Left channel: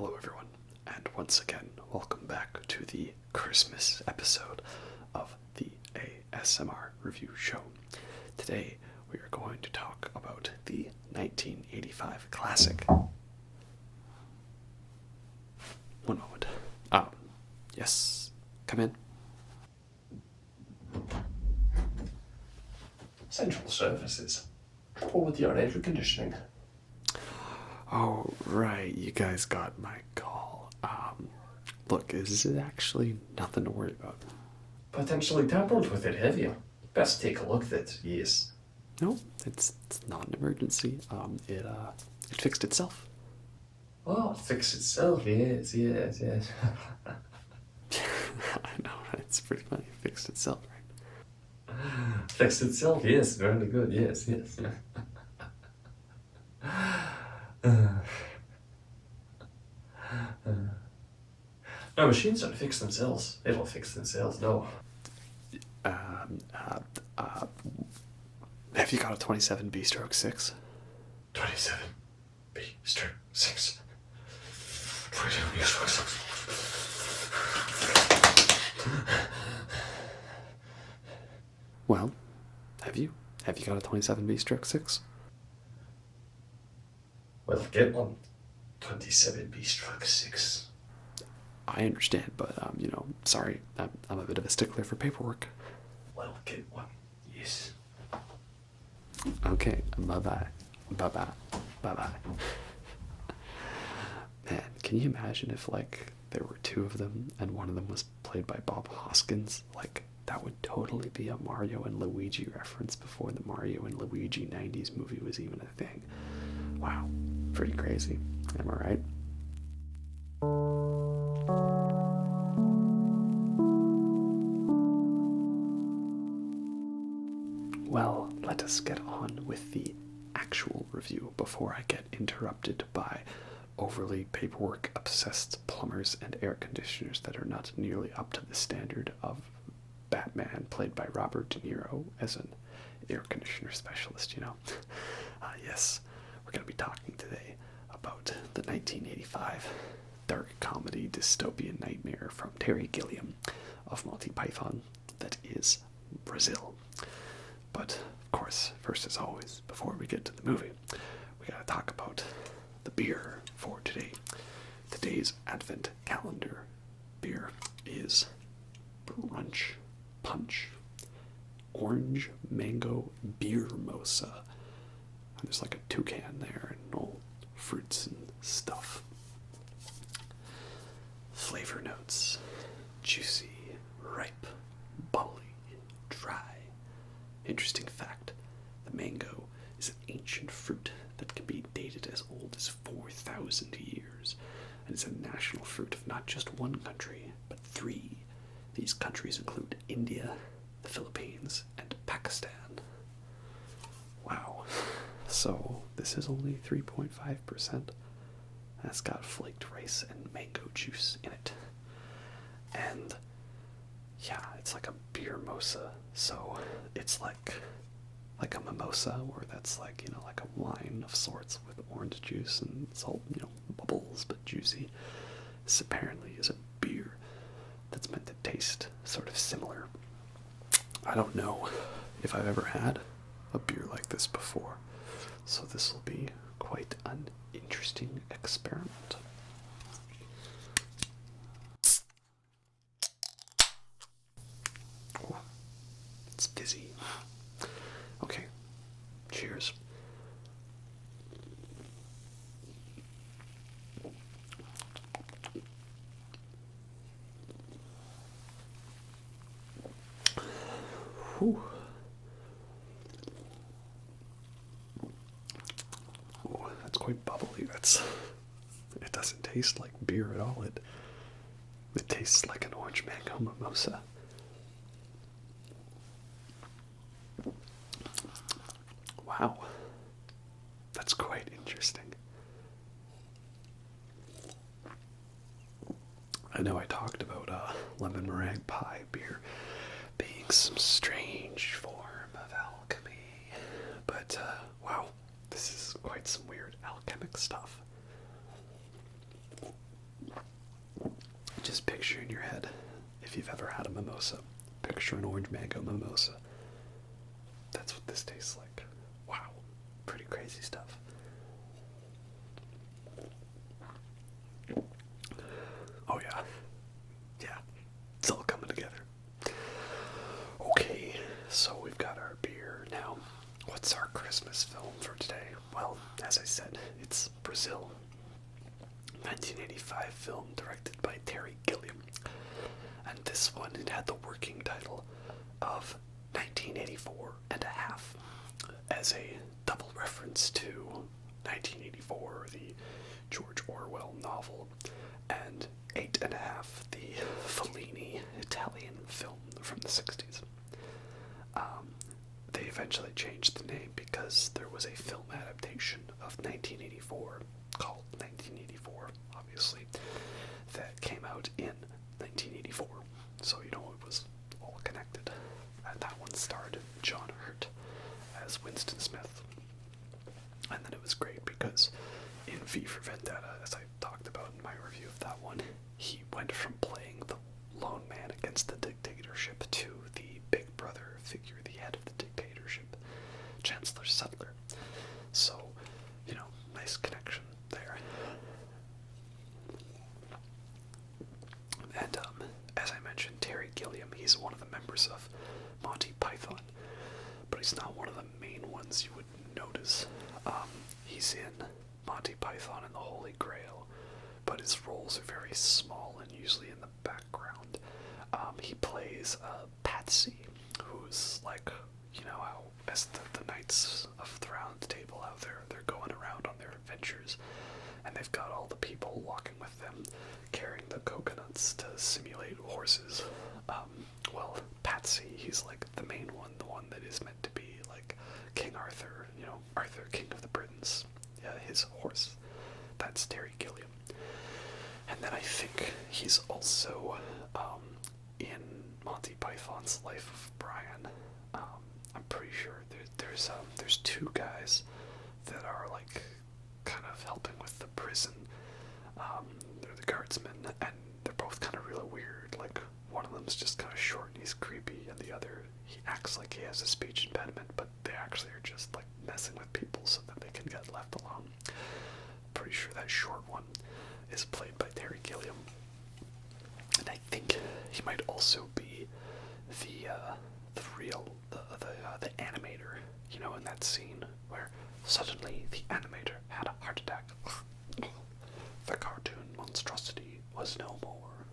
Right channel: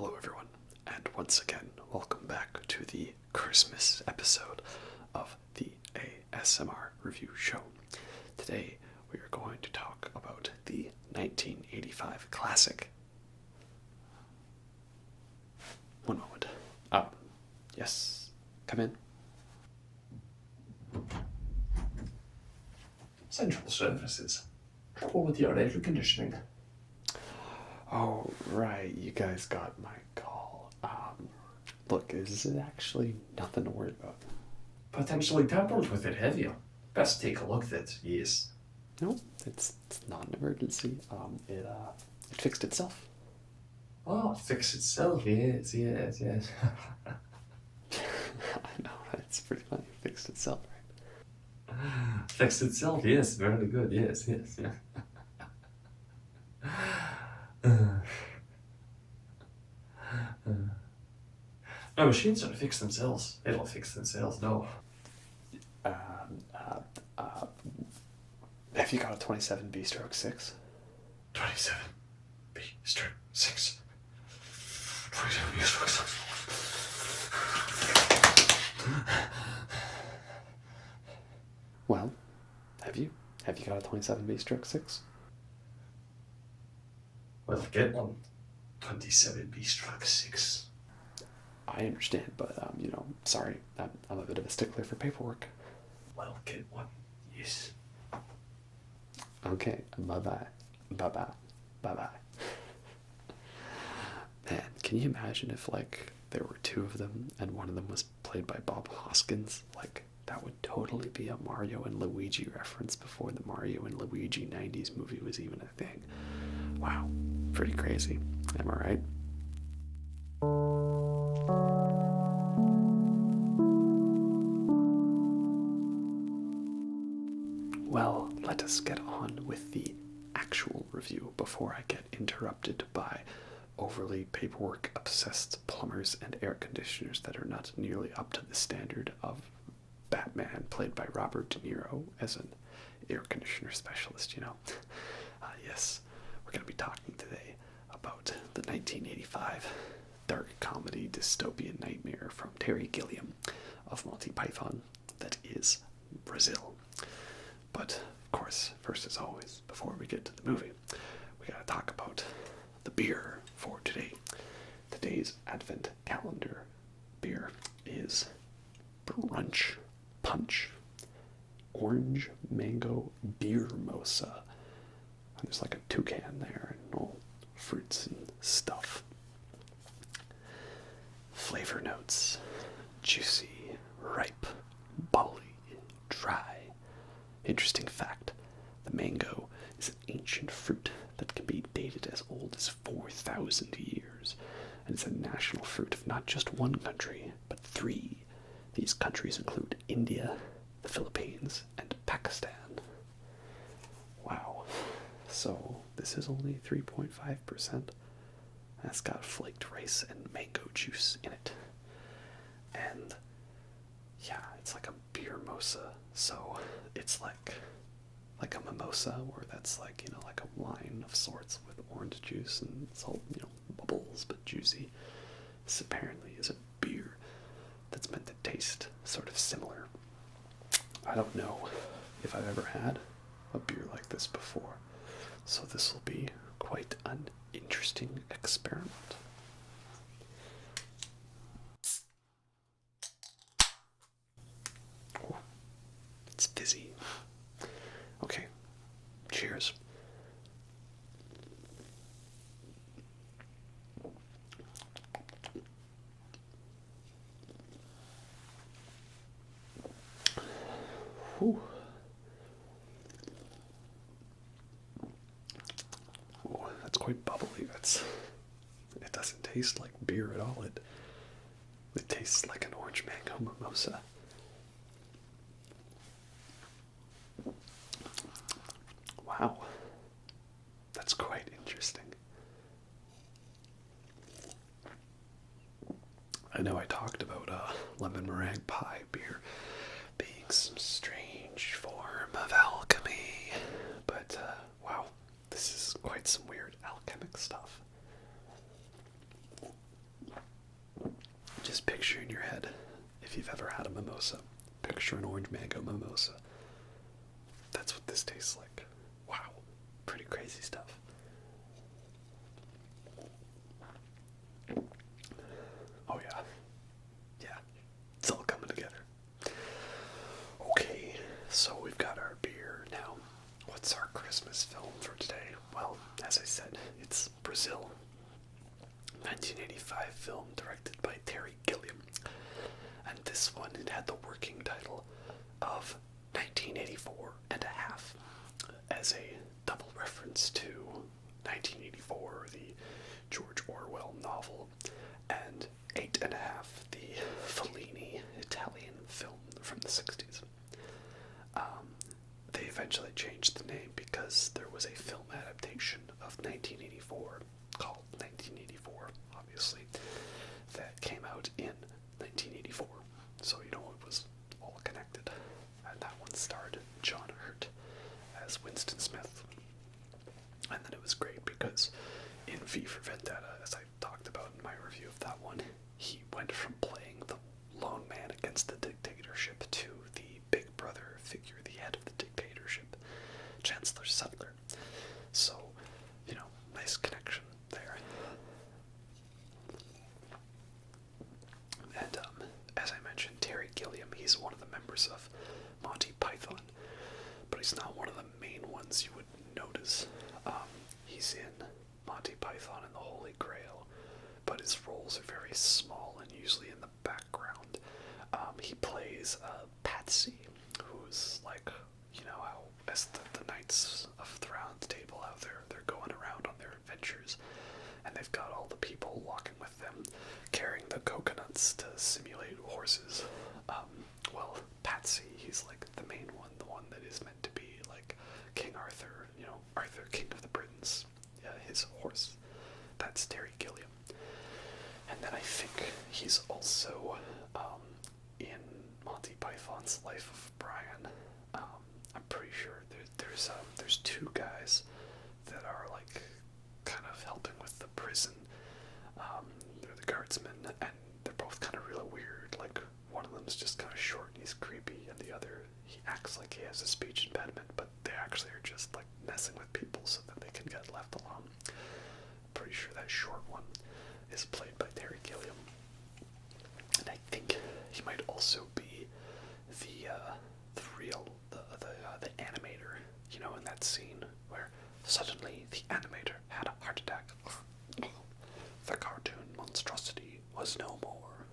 Hello everyone, and once again, welcome back to the Christmas episode of the ASMR Review Show. Today, we are going to talk about the 1985 classic. One moment. Yes, come in. Central services. Trouble with your air conditioning. Oh, right, you guys got my call. Look, is it actually nothing to worry about? Potentially tampered with it, have you? Best take a look at it, yes. No, it's not an emergency. It fixed itself. Oh, it fixed itself, yes. I know, it's pretty funny. It fixed itself, right? Fixed itself, yes, very good, yes. No, machines don't fix themselves. They don't fix themselves, no. Have you got a 27B stroke 6? 27 B stroke 6. 27 B stroke 6. Well, have you? Have you got a 27B stroke 6? Well, get one. 27 B stroke 6. I understand, but, sorry, I'm a bit of a stickler for paperwork. Well, get one. Yes. Okay, bye-bye. Bye-bye. Bye-bye. Man, can you imagine if, there were two of them and one of them was played by Bob Hoskins? That would totally be a Mario and Luigi reference before the Mario and Luigi 90s movie was even a thing. Wow, pretty crazy. Am I right? Well, let us get on with the actual review before I get interrupted by overly paperwork-obsessed plumbers and air conditioners that are not nearly up to the standard of Batman, played by Robert De Niro, as an air conditioner specialist, Yes, we're going to be talking today about the 1985 dark comedy dystopian nightmare from Terry Gilliam of Monty Python that is Brazil. But, of course, first as always, before we get to the movie, we gotta talk about the beer for today. Today's Advent calendar beer is Brunch Punch Orange Mango Beer Mosa. There's like a toucan there and all fruits and stuff. Flavor notes: juicy, ripe, bubbly, dry. Interesting fact, the mango is an ancient fruit that can be dated as old as 4,000 years, and is a national fruit of not just one country, but 3. These countries include India, the Philippines, and Pakistan. Wow. So, this is only 3.5%, and it's got flaked rice and mango juice in it. And yeah, it's like a beer mosa, so it's like a mimosa, where that's like a wine of sorts with orange juice and salt, bubbles but juicy. This apparently is a beer that's meant to taste sort of similar. I don't know if I've ever had a beer like this before, so this will be quite an interesting experiment. It's dizzy. Okay, cheers. Whew. Oh, that's quite bubbly. It doesn't taste like beer at all. It tastes like an orange mango mimosa. Wow, that's quite interesting. I know I talked about lemon meringue pie beer being some strange form of alchemy, but wow, this is quite some weird alchemic stuff. Just picture in your head, if you've ever had a mimosa, picture an orange mango mimosa. That's what this tastes like. Wow, pretty crazy stuff. Oh yeah, yeah, it's all coming together. Okay, so we've got our beer now. What's our Christmas film for today? Well, as I said, it's Brazil. 1985 film directed by Terry Gilliam. And this one, it had the working title of 1984 and a half, as a double reference to 1984, the George Orwell novel, and 8 and a half, the Fellini Italian film from the 60s. They eventually changed the name because there was a film adaptation of 1984 called 1984, obviously, that came out in 1984. So, you know, it was all connected. And that one starred John Hurt as Winston Smith. And then it was great because in V for Vendetta, as I talked about in my review of that one, he went from playing the lone man against the dictatorship to the big brother figure, the head of the dictatorship, Chancellor Sutler. So, you know, nice connection there. And as I mentioned, Terry Gilliam, he's one of the members of Monty Python, but he's not one of the main ones you would notice. He's in Monty Python and the Holy Grail, but his roles are very small and usually in the background. He plays Patsy, who's like, you know, how as the knights of the round table, how they're going around on their adventures, and they've got all the people walking with them, carrying the coconuts to simulate horses. Well, Patsy, he's like the main one, the one that is meant to be like King Arthur, you know, Arthur, King of the Britons, his horse. That's Terry Gilliam. And then I think he's also in Monty Python's Life of Brian. I'm pretty sure there's two guys that are like kind of helping with the prison. They're the guardsmen, and they're both kind of really weird. Like, one of them's just kind of short and he's creepy, and the other, he acts like he has a speech impediment, but they actually are just like messing with people so that they can get left alone. Pretty sure that short one is played by Terry Gilliam, and I think he might also be the animator. You know, in that scene where suddenly the animator had a heart attack. The cartoon monstrosity was no more.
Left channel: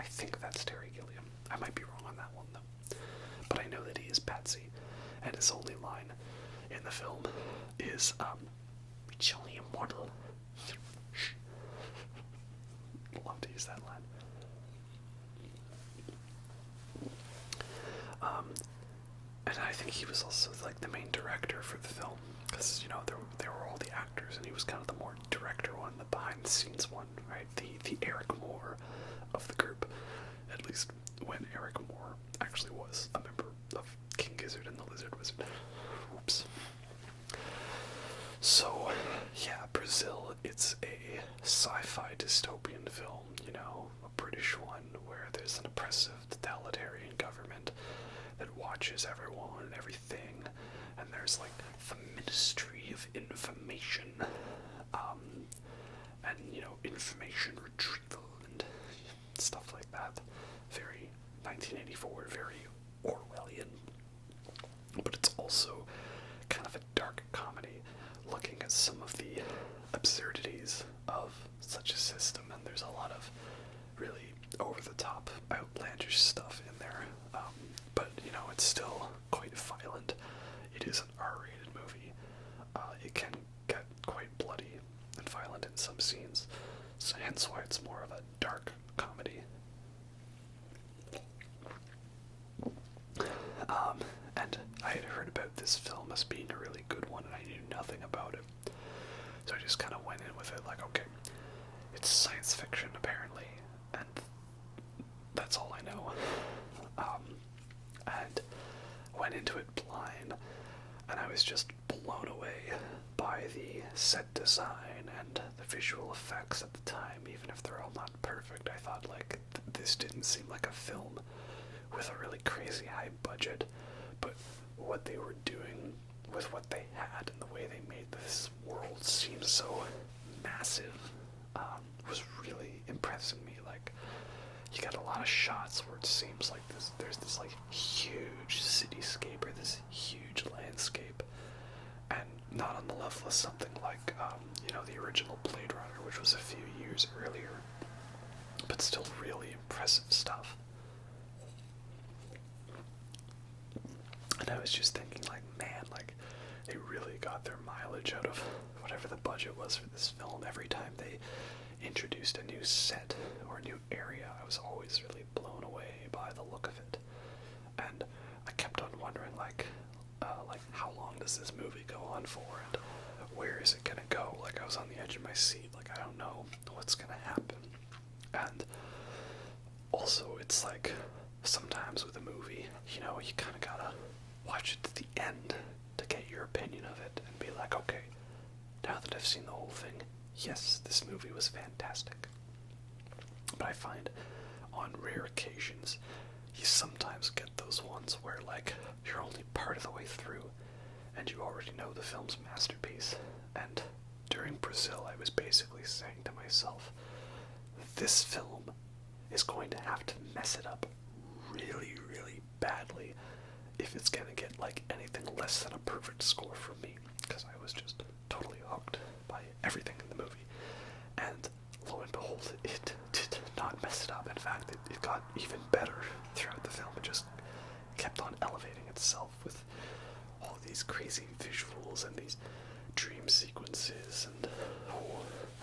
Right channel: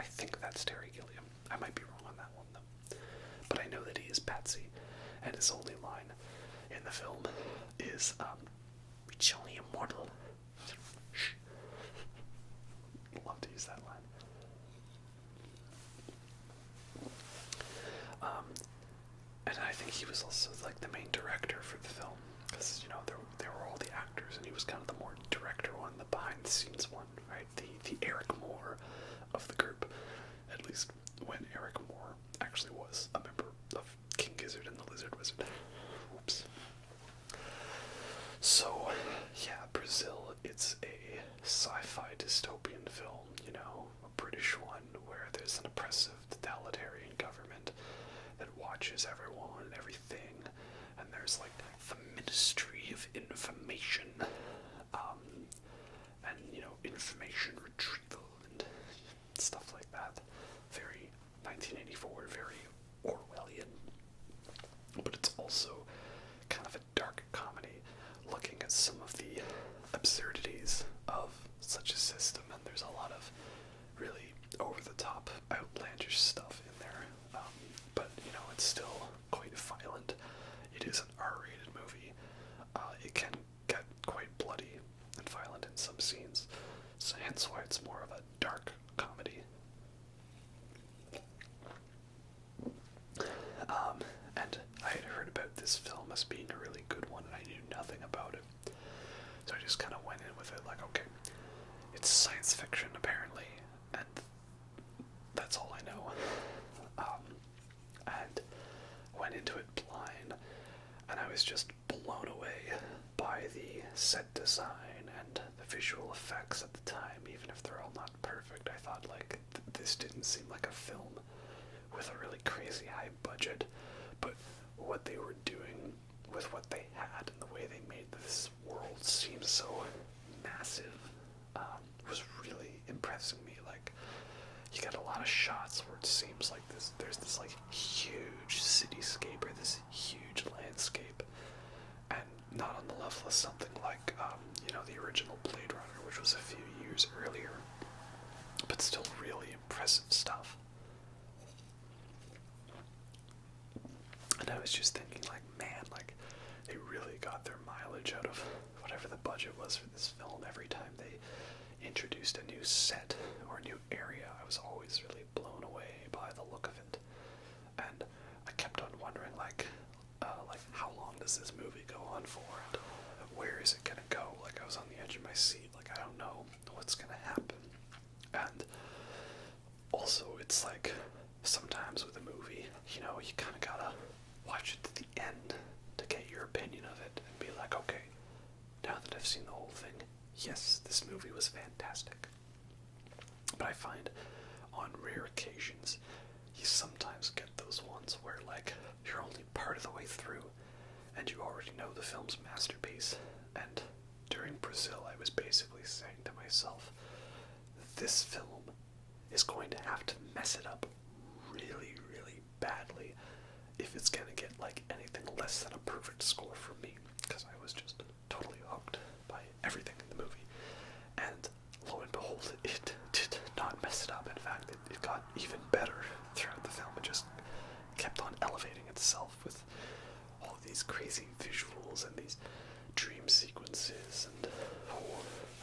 I think that's Terry Gilliam. I might be wrong on that one though, but I know that he is Patsy, and his only line in the film is "It's only a mortal." Shh. Love to use that line. And I think he was also like the main director for the film, because, you know, there were all the actors, and he was kind of the more director one, the behind the scenes one, right? The Eric Moore of the group, at least when Eric Moore actually was a member of King Gizzard and the Lizard Wizard. Oops. So, yeah, Brazil, it's a sci-fi dystopian film, you know, a British one where there's an oppressive totalitarian government that watches everyone and everything, and there's like the Ministry of Information, and, you know, information retrieval and stuff like that. Very 1984, very Orwellian, but it's also kind of a dark comedy, looking at some of the absurdities of such a system, and there's a lot of really over-the-top, outlandish stuff in there, but, you know, it's still quite violent. It is an R-rated movie. It can get quite bloody and violent in some scenes, so hence why it's more of a dark comedy. And I had heard about this film as being a really good one, and I knew nothing about it. So I just kind of went in with it like, okay, it's science fiction apparently, and that's all I know. And went into it blind, and I was just blown away by the set design and the visual effects at the time. Even if they're all not perfect, I thought, like, this didn't seem like a film with a really crazy high budget, but what they were doing with what they had and the way they made this world seem so massive was really impressing me. Like, you got a lot of shots where it seems like there's this like huge cityscape or this huge landscape, and not on the level of something like the original Blade Runner, which was a few years earlier, but still really impressive stuff. And I was just thinking, like, man, like, they really got their mileage out of whatever the budget was for this film. Every time they introduced a new set or a new area, I was always really blown away by the look of it. And I kept on wondering, like how long does this movie go on for? And where is it gonna go? Like, I was on the edge of my seat. Like, I don't know what's gonna happen. And also, it's like, sometimes with a movie, you kind of gotta watch it to the end to get your opinion of it and be like, okay, now that I've seen the whole thing, yes, this movie was fantastic. But I find on rare occasions, you sometimes get those ones where, like, you're only part of the way through and you already know the film's masterpiece. And during Brazil, I was basically saying to myself, this film is going to have to mess it up really, really badly if it's going to get, like, anything less than a perfect score from me, because I was just totally hooked by everything in the movie. And lo and behold, it did not mess it up. In fact, it got even better throughout the film. It just kept on elevating itself with all these crazy visuals and these dream sequences, and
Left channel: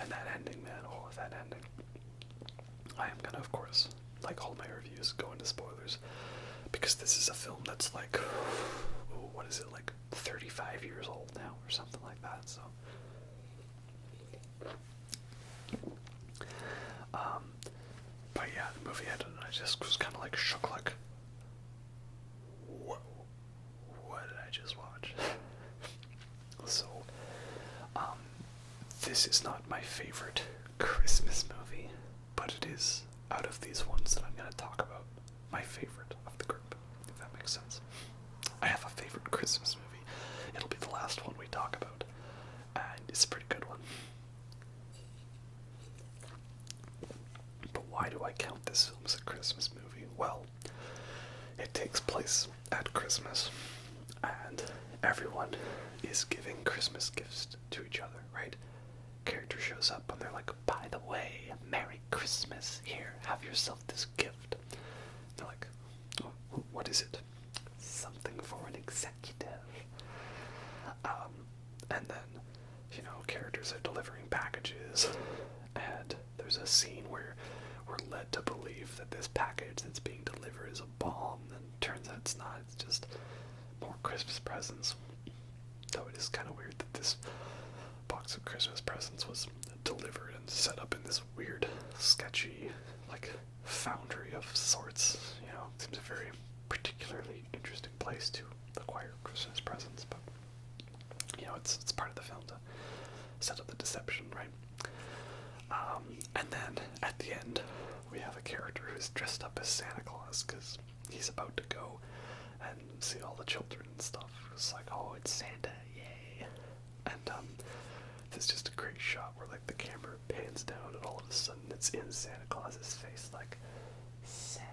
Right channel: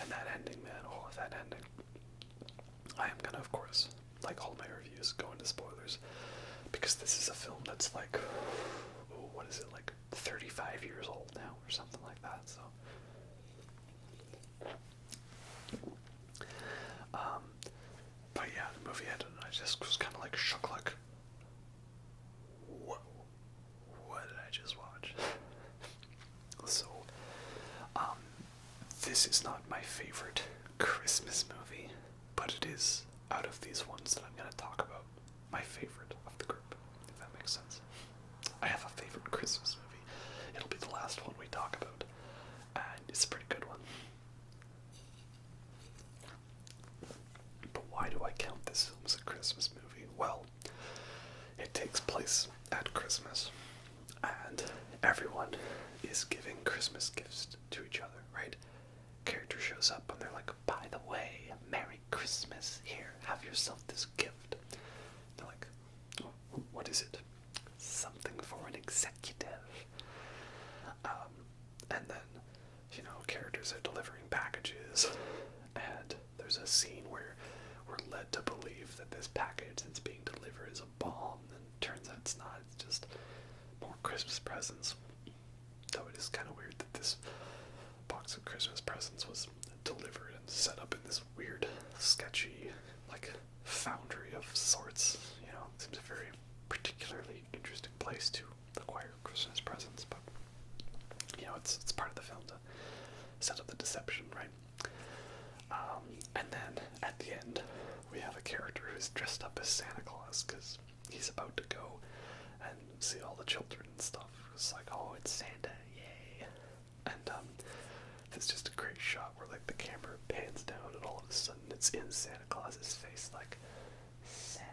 that ending, man, that ending. I am gonna, of course, like all my reviews, go into spoilers, because this is a film that's like, what is it, like 35 years old now, or something like that, so. But yeah, the movie ended, and I just was kind of like shook, like, whoa, what did I just watch? So, this is not my favorite Christmas movie, but it is, out of these ones that I'm going to talk about, my favorite of the group, if that makes sense. I have a favorite Christmas movie. It'll be the last one we talk about, and it's a pretty good one. But why do I count this film as a Christmas movie? Well, it takes place at Christmas, and everyone is giving Christmas gifts to each other, right? Character shows up and they're like, by the way, Merry Christmas, here, have yourself this gift. You're like, oh, what is it? Something for an executive. And then, characters are delivering packages, and there's a scene where we're led to believe that this package that's being delivered is a bomb, and turns out it's not. It's just more Christmas presents. So it is kind of weird that this box of Christmas presents was delivered and set up in this weird, sketchy, like, foundry of sorts. It seems a very particularly interesting place to acquire Christmas presents, but it's part of the film to set up the deception, right? And then at the end, we have a character who's dressed up as Santa Claus because he's about to go and see all the children and stuff. It's like, oh, it's Santa, yay! And there's just a great shot where, like, the camera pans down and all of a sudden it's in Santa Claus's face, like, Sam,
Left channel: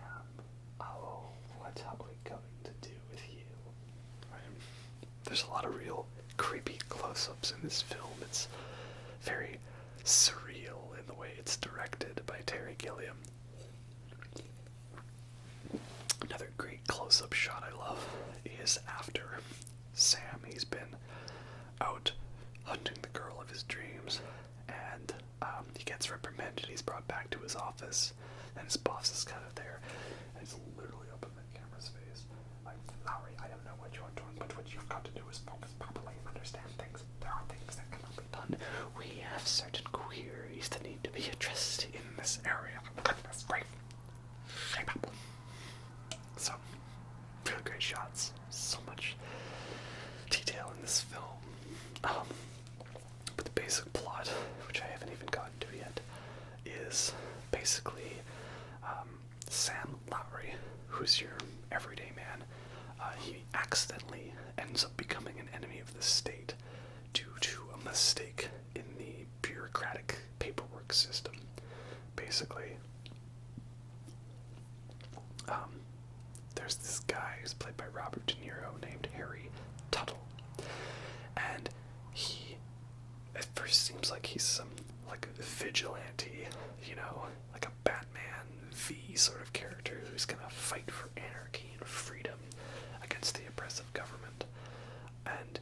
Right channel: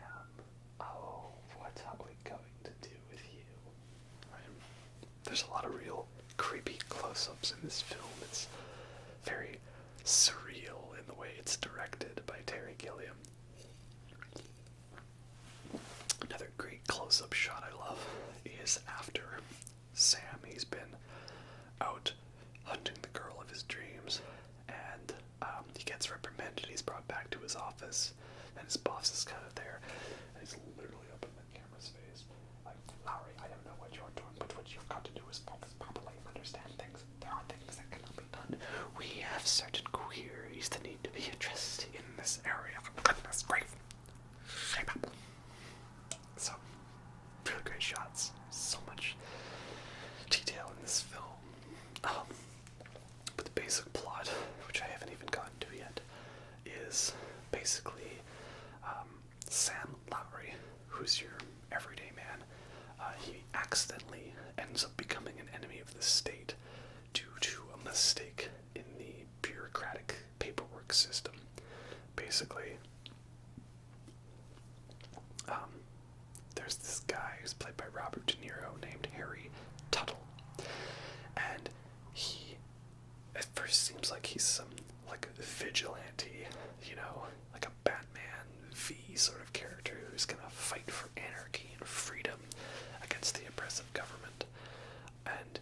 oh, what are we going to do with you? Right? There's a lot of real creepy close-ups in this film. It's very surreal in the way it's directed by Terry Gilliam. Another great close-up shot I love is after Sam, he's been out hunting the girl of his dreams, and he gets reprimanded. He's brought back to his office, and his boss is kind of there, and he's literally up in the camera's face, like, Lowry, I don't know what you're doing, but what you've got to do is focus properly and understand things. There are things that cannot be done. We have certain queries that need to be addressed in this area. Goodness gracious. Shape up. So, really great shots. So much detail in this film. But the basic plot, which I haven't even gotten to yet, is basically Sam Lowry, who's your everyday man, he accidentally ends up becoming an enemy of the state due to a mistake in the bureaucratic paperwork system. Basically, there's this guy who's played by Robert De Niro named Harry Tuttle, and he at first seems like he's some like vigilante, like a Batman V sort of character who's gonna fight for anarchy and freedom against the oppressive government. And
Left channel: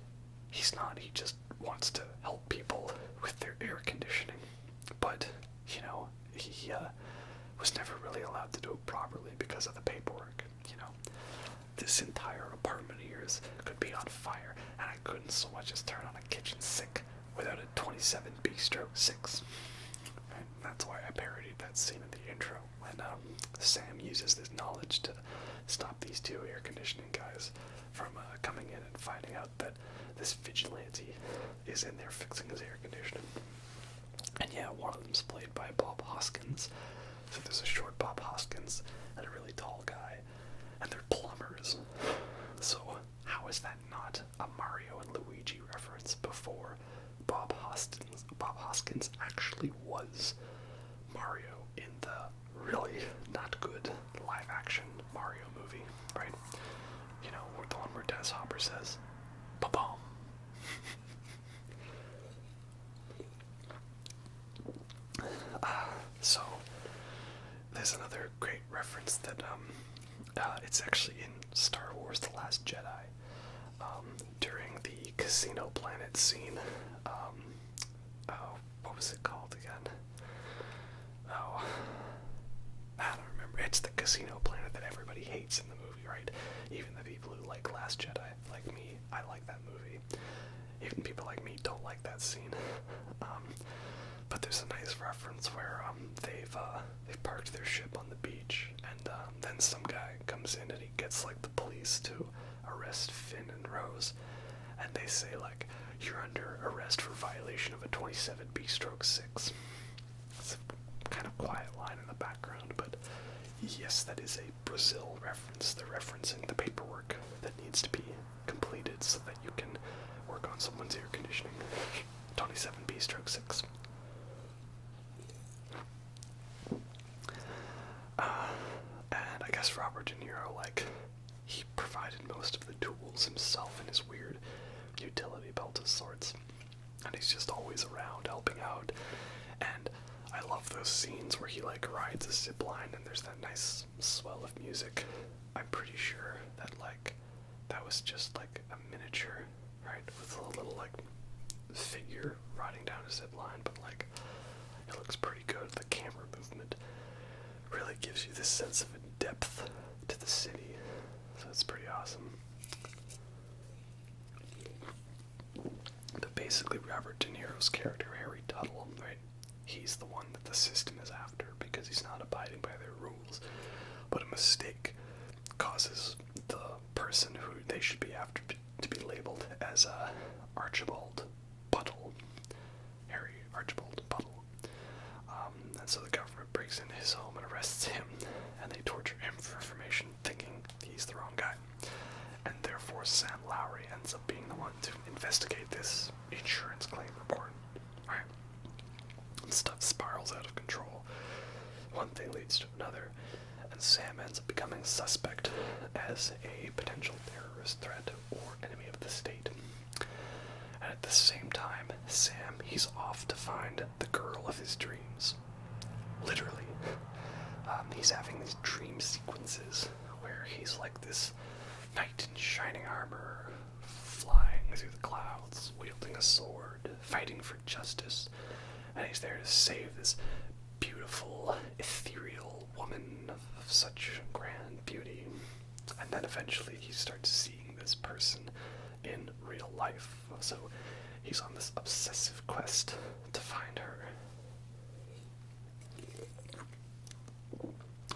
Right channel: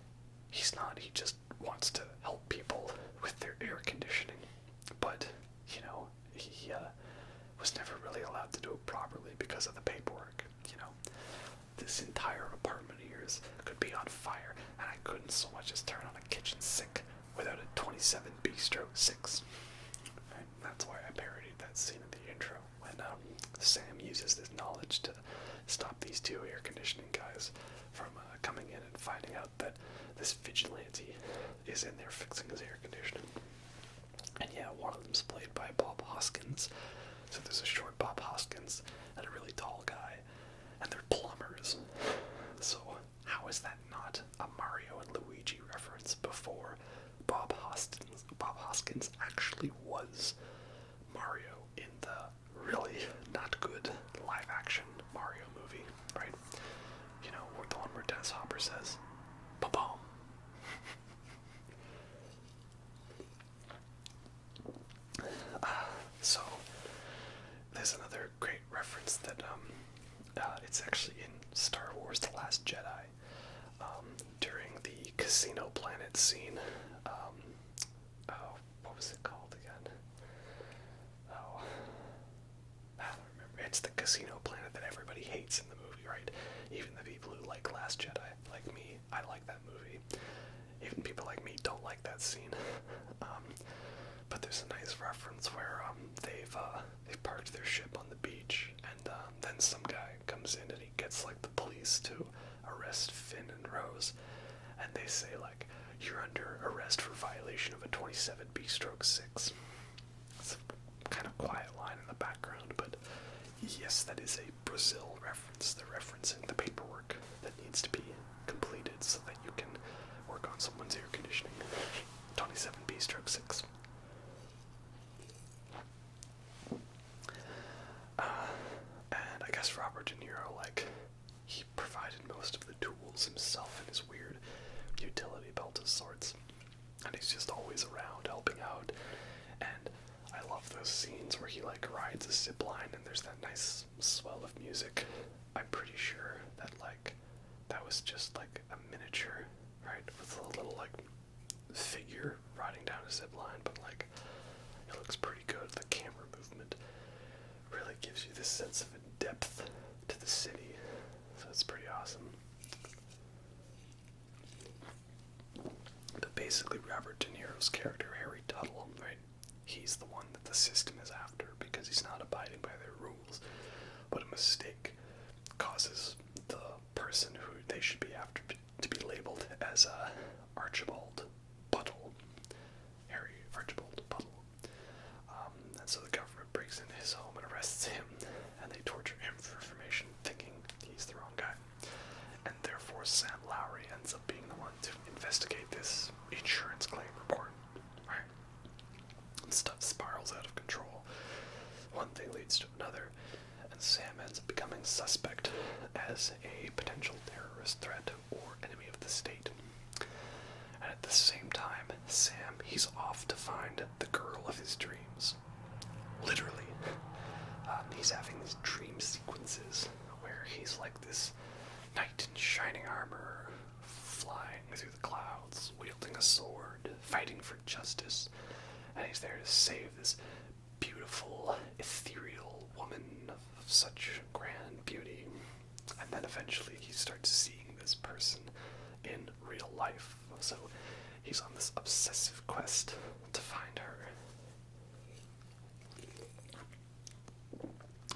he's not. He just wants to help people with their air conditioning. But, he was never really allowed to do it properly because of the paperwork. This entire apartment of yours could be on fire, and I couldn't so much as turn on a kitchen sink without a 27B/6. And that's why I parodied that scene in the intro when Sam uses his knowledge to stop these two air conditioning guys from coming in and finding out that this vigilante is in there fixing his air conditioning. And yeah, one of them's played by Bob Hoskins. So there's a short Bob Hoskins and a really tall guy, and they're plumbers. So how is that not a Mario and Luigi reference before Bob Hoskins actually was Mario in the really not good live action Mario movie, right? The one where Dennis Hopper says, "Ba-boom." So there's another great reference that it's actually in Star Wars: The Last Jedi. During the Casino Planet scene, what was it called again? Oh, I don't remember. It's the Casino Planet that everybody hates in the movie, right? Even the people who like Last Jedi, like me, I like that movie. Even people like me don't like that scene. But there's a nice reference where they've parked their ship on the beach, and then some guy comes in and he gets like the police to arrest Finn and Rose, and they say like, "You're under arrest for violation of a 27B/6." It's a kind of quiet line in the background, but yes, that is a Brazil reference. They're referencing the paperwork that needs to be completed so that you can work on someone's air conditioning. 27B/6. And I guess Robert De Niro, he provided most of the tools himself in his weird utility belt of sorts. And he's just always around helping out. And I love those scenes where he, rides a zip line and there's that nice swell of music. I'm pretty sure that, that was just, a miniature, right? With a little, figure riding down a zip line, but, it looks pretty good. The camera movement really gives you this sense of depth to the city, so it's pretty awesome. But basically, Robert De Niro's character, Harry Tuttle, right? He's the one that the system is after because he's not abiding by their rules. But a mistake causes the person who they should be after to be labeled as Archibald Buttle. Harry Archibald Buttle. And so the government breaks into his home and arrests him, and they torture him for information, thinking he's the wrong guy. And therefore Sam Lowry ends up being the one to investigate this insurance claim report. Right? And stuff spirals out of control. One thing leads to another, and Sam ends up becoming suspect as a potential terrorist threat or enemy of the state. And at the same time, Sam, he's off to find the girl of his dreams. Literally. He's having these dream sequences where he's like this knight in shining armor, flying through the clouds, wielding a sword, fighting for justice, and he's there to save this beautiful, ethereal woman of such grand beauty. And then eventually he starts seeing this person in real life, so he's on this obsessive quest to find her.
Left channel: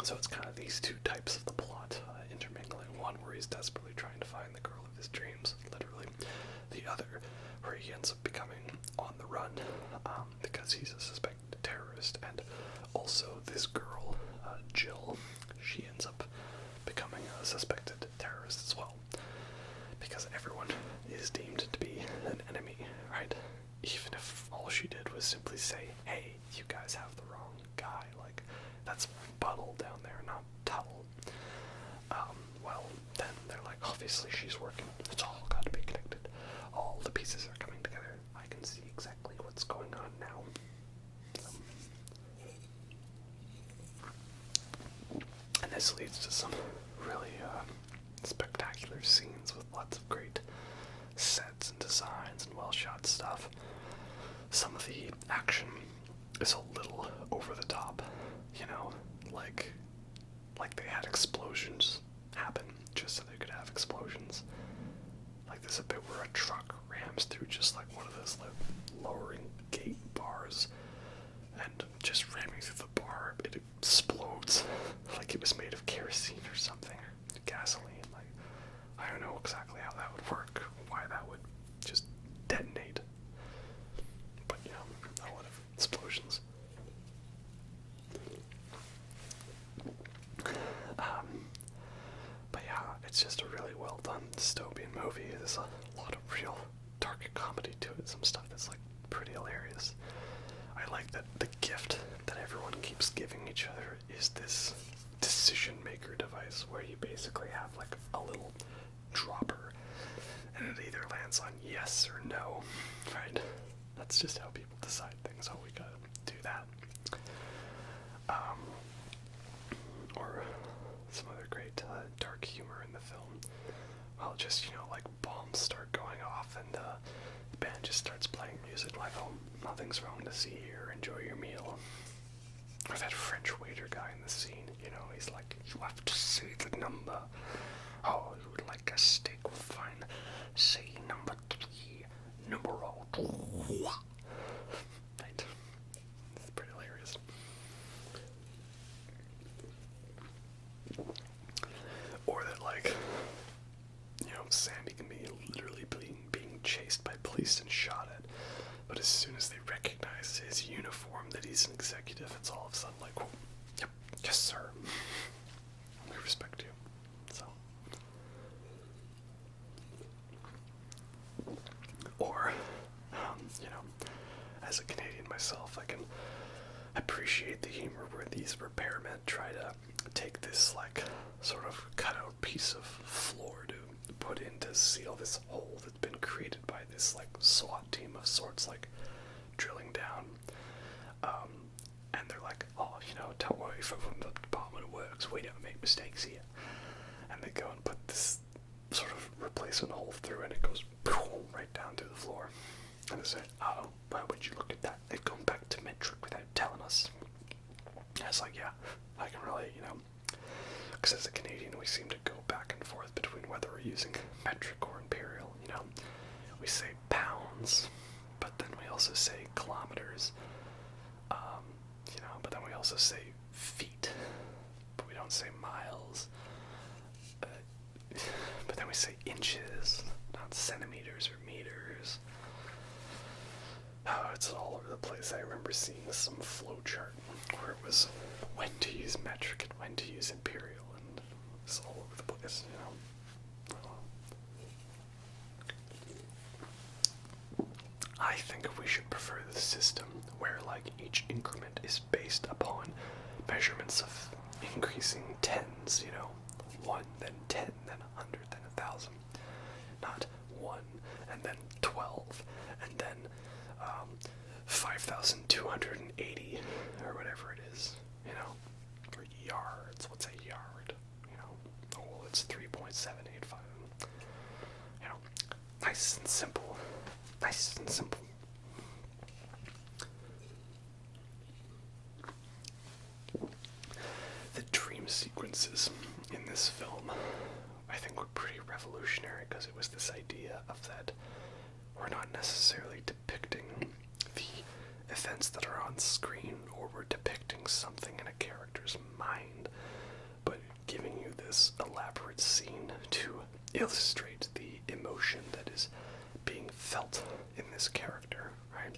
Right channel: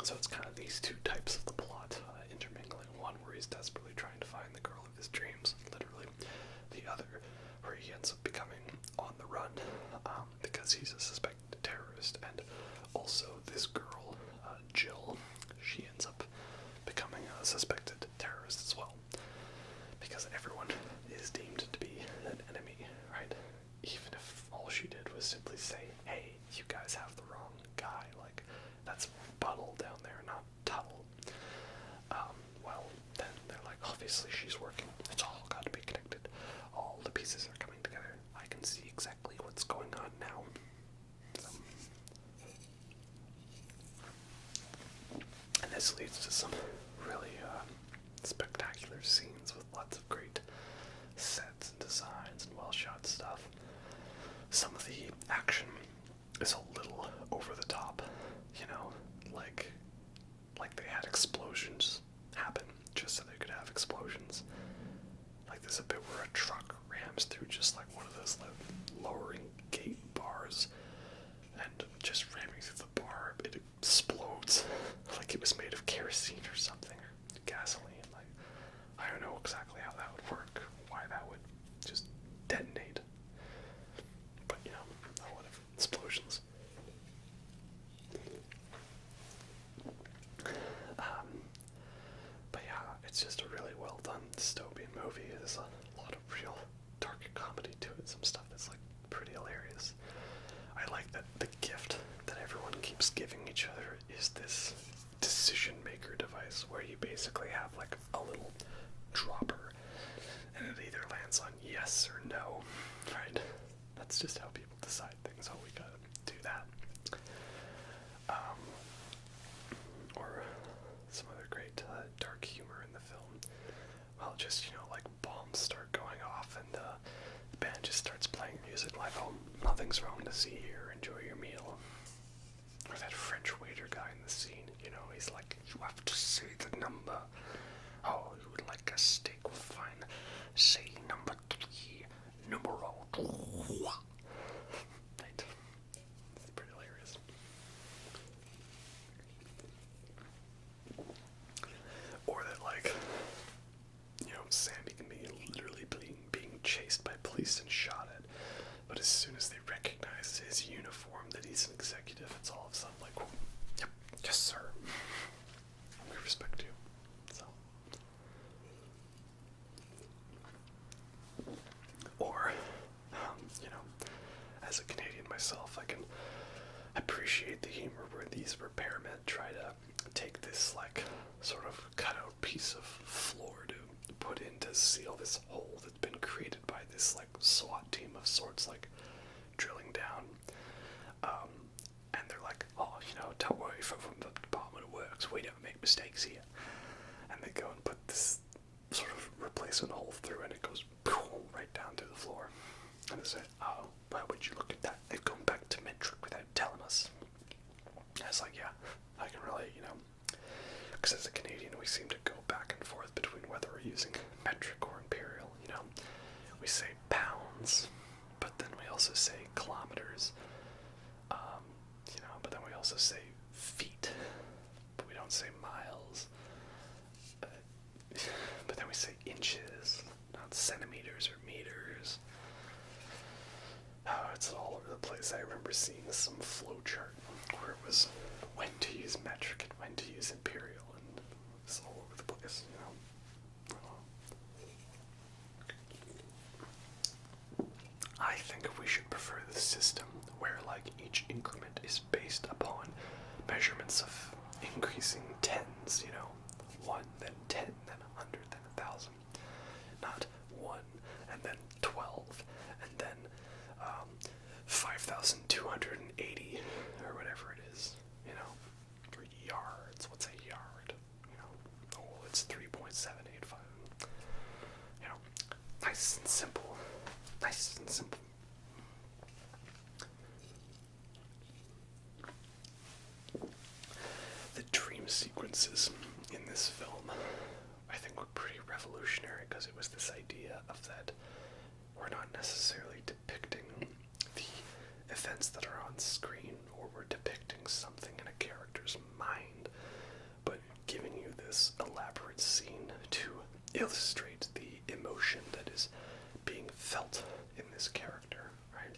So it's kind of these two types of the plot intermingling. One where he's desperately trying to find the girl of his dreams, literally. The other where he ends up becoming on the run because he's a suspected terrorist. And also this girl, Jill, sky. Like, that's Buttle down there, not Tuttle. Well, then they're like, obviously she's working. It's all got to be connected. All the pieces are coming together. I can see exactly what's going on now. And this leads to some really spectacular scenes with lots of great sets and designs and well-shot stuff. Some of the action is a little over the top, you know, like they had explosions happen just so they could have explosions. Like there's a bit where a truck rams through just like one of those like lowering gate bars, and just ramming through the bar, it explodes like it was made of kerosene or something, or gasoline. Like, I don't know exactly how that would work, why that would just detonate. But, you know, a lot of explosions. But yeah, it's just a really well done dystopian movie. There's a lot of real dark comedy to it, some stuff that's like pretty hilarious. I like that the gift that everyone keeps giving each other is this decision maker device where you basically have like a little dropper and it either lands on yes or no, right? That's just how people decide things. Oh, we gotta do that. Or some other great dark humor in the film. Well, just, you know, like bombs start going off and the band just starts playing music like, oh, nothing's wrong to see here, enjoy your meal. Or that French waiter guy in the scene, you know, he's like, you have to say the number. Oh, you would like a steak? Fine. Say number 3, numero 2. Right. It's pretty hilarious. Or that, like, you know, Sandy can be literally being chased by police and shot at. But as soon as they recognize his uniform, that he's an executive, it's all of a sudden like, oh, yep, yes, sir. We respect you. So. Or, you know, as a Canadian myself, I can appreciate the humor where these repairmen try to take this, like, sort of cutout piece of floor to put in to seal this hole that's been created by this, like, SWAT team of sorts, like, drilling down. And they're like, oh, you know, don't worry, from the Department of Works, we don't make mistakes here. And they go and put this sort of replacement hole through, and it goes boom, right down to the floor. And I say, oh, why would you look at that? They've gone back to metric without telling us. And it's like, yeah, I can really, you know, because as a Canadian, we seem to go back and forth between whether we're using metric or imperial, you know. We say pounds, but then we also say kilometers, you know, but then we also say feet, but we don't say miles, but then we say inches, not centimeters or meters. It's all over the place. I remember seeing some flowchart where it was when to use metric and when to use imperial, and it's all over the place, you know. I think we should prefer the system where, like, each increment is based upon measurements of increasing tens, you know, 1, then 10, then 100, then 1,000. Not 1, and then 12, and then 5,280, or whatever it is, you know, or yards. What's a yard? You know, oh, it's 3.785. You know, nice and simple. Nice and simple. The dream sequences in this film, I think, were pretty revolutionary because it was this idea of that we're not necessarily depicting the events that are on screen, or we're depicting something in a character's mind, but giving you this elaborate scene to illustrate the emotion that is being felt in this character, right?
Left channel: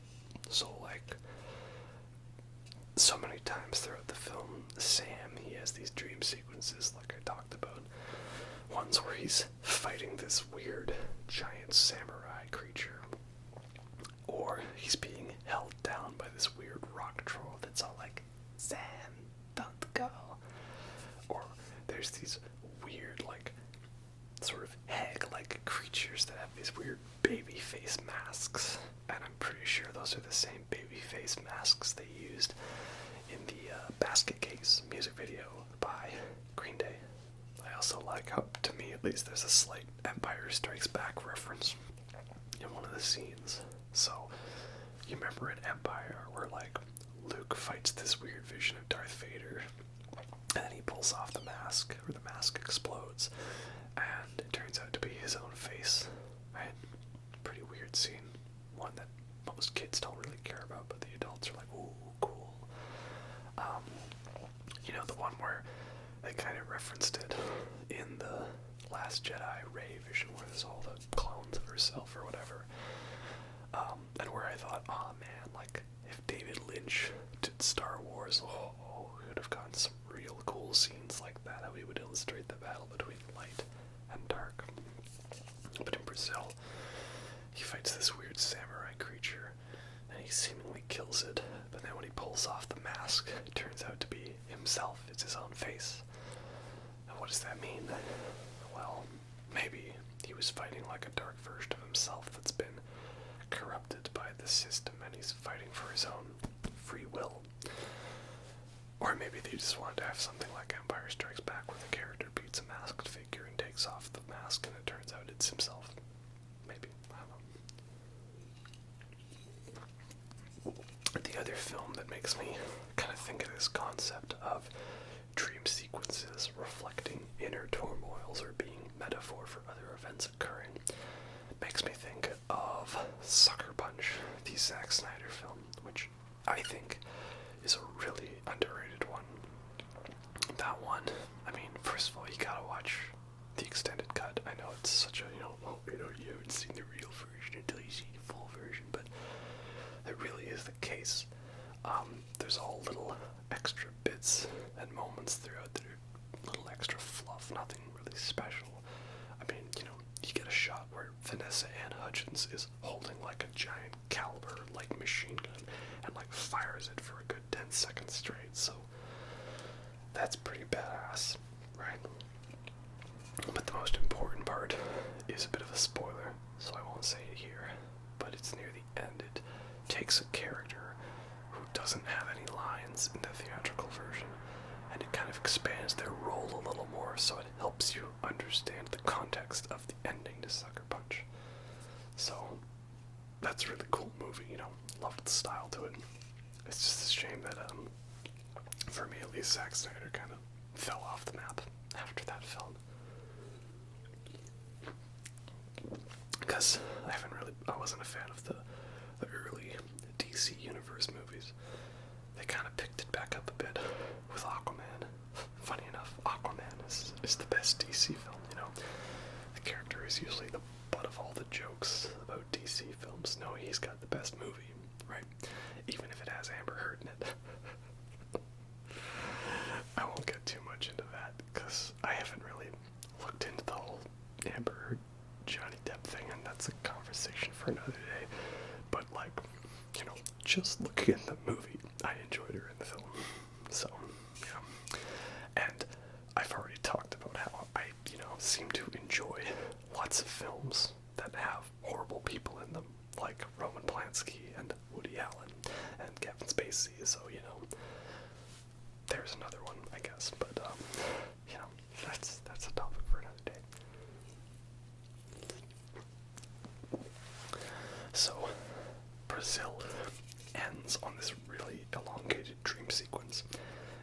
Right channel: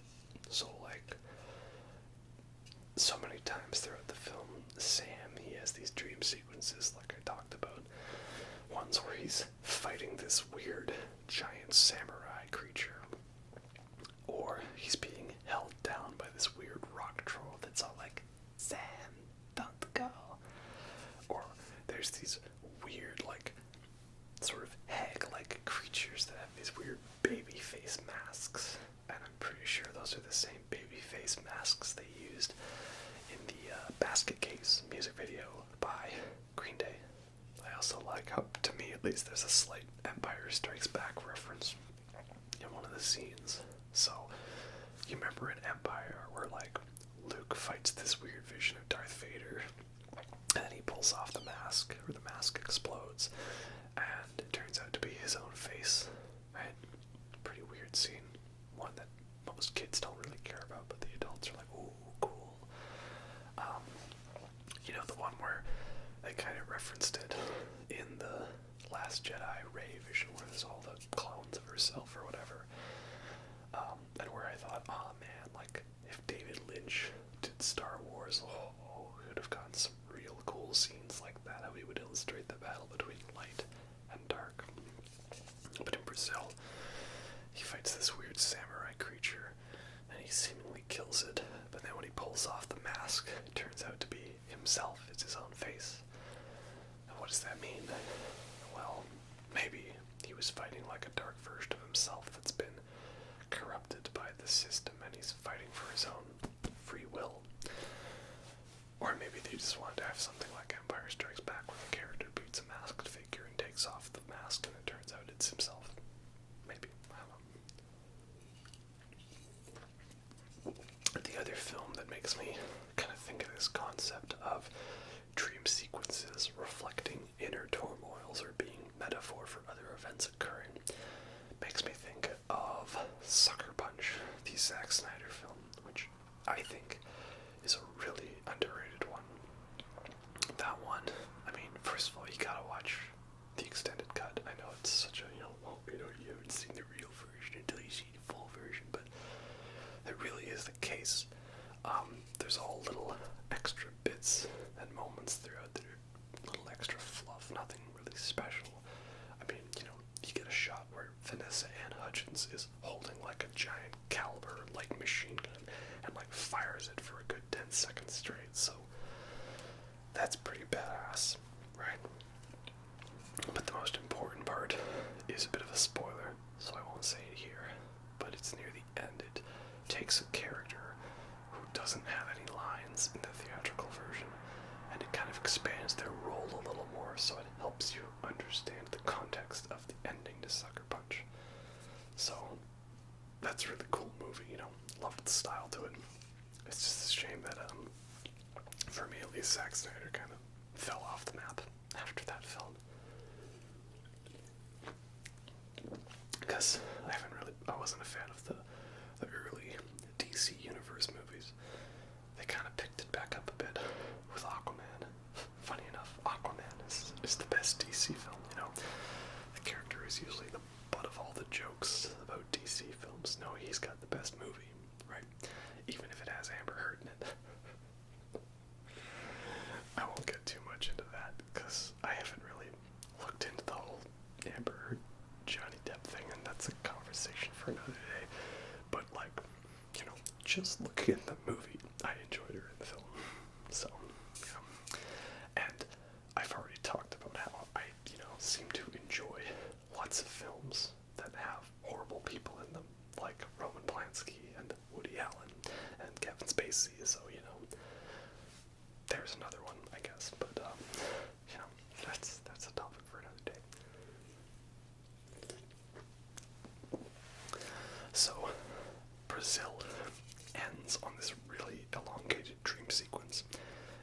So, like, so many times throughout the film, Sam, he has these dream sequences, like I talked about. Ones where he's fighting this weird giant samurai creature, or he's being held down by this weird rock troll that's all like, Sam, there's these weird, like, sort of hag-like creatures that have these weird baby face masks, and I'm pretty sure those are the same baby face masks they used in the Basket Case music video by Green Day. I also like how, to me at least, there's a slight Empire Strikes Back reference in one of the scenes. So, you remember in Empire where, like, Luke fights this weird vision of Darth Vader, and then he pulls off the mask, or the mask explodes, and it turns out to be his own face, right? Pretty weird scene. One that most kids don't really care about, but the adults are like, ooh, cool. You know, the one where they kind of referenced it in the Last Jedi Rey vision, where there's all the clones of herself or whatever. And where I thought, oh man, like, if David Lynch did Star Wars, we would have gotten some real cool scenes like that, how he would illustrate the battle between light and dark. But in Brazil, he fights this weird samurai creature, and he seemingly kills it, but then when he pulls off the mask, it turns out to be himself. It's his own face. And what does that mean? Well, maybe he was fighting like a dark version of himself that's been corrupted by the system, and he's fighting for his own free will. Or maybe they just wanted to have something like Empire Strikes Back, where the character beats a masked figure and takes off the mask, and it turns out it's himself. Maybe. I don't know. The other film that makes me kind of think of this concept of dream sequences reflecting inner turmoils or being metaphor for other events occurring makes me think of Sucker Punch, the Zack Snyder film, which I think is a really underrated one. That one, I mean, first of all, you gotta watch the extended cut. I know it's such a, you haven't seen the real version until you see the full version, but it really is the case. There's all little extra bits and moments throughout there, little extra fluff, nothing really special. I mean, you get a shot where Vanessa Ann Hudgens is holding like a giant caliber, like, machine gun, and like fires it for a good 10 seconds straight, so that's pretty badass, right? But the most important part is a bit of a spoiler, so I won't say it here, but it's near the end. It takes a character who doesn't have any lines in the theatrical version, and it kind of expands their role a little more, so it helps you understand the context of the ending to Sucker Punch. So, that's a really cool movie, loved the style to it. It's just a shame that, for me at least, Zack Snyder kind of fell off the map after that film. Because I wasn't a fan of the early DC Universe movies. They kind of picked it back up a bit with Aquaman. Funny enough, Aquaman is the best DC film, The character is usually the butt of all the jokes about DC films. No, he's got the best movie, right? Even if it has Amber Heard in it. I won't get too much into that, because I haven't really looked into the whole Amber Heard Johnny Depp thing, and that's a conversation for another day. But, like, just looking at the movie, I enjoyed her in the film. So, and I've already talked about how I, seem to enjoy lots of films that have horrible people in them, like Roman Polanski and Woody Allen and Kevin Spacey. So, there's another one, I guess. But, that's a topic for another day. So, Brazil ends on this really elongated dream sequence,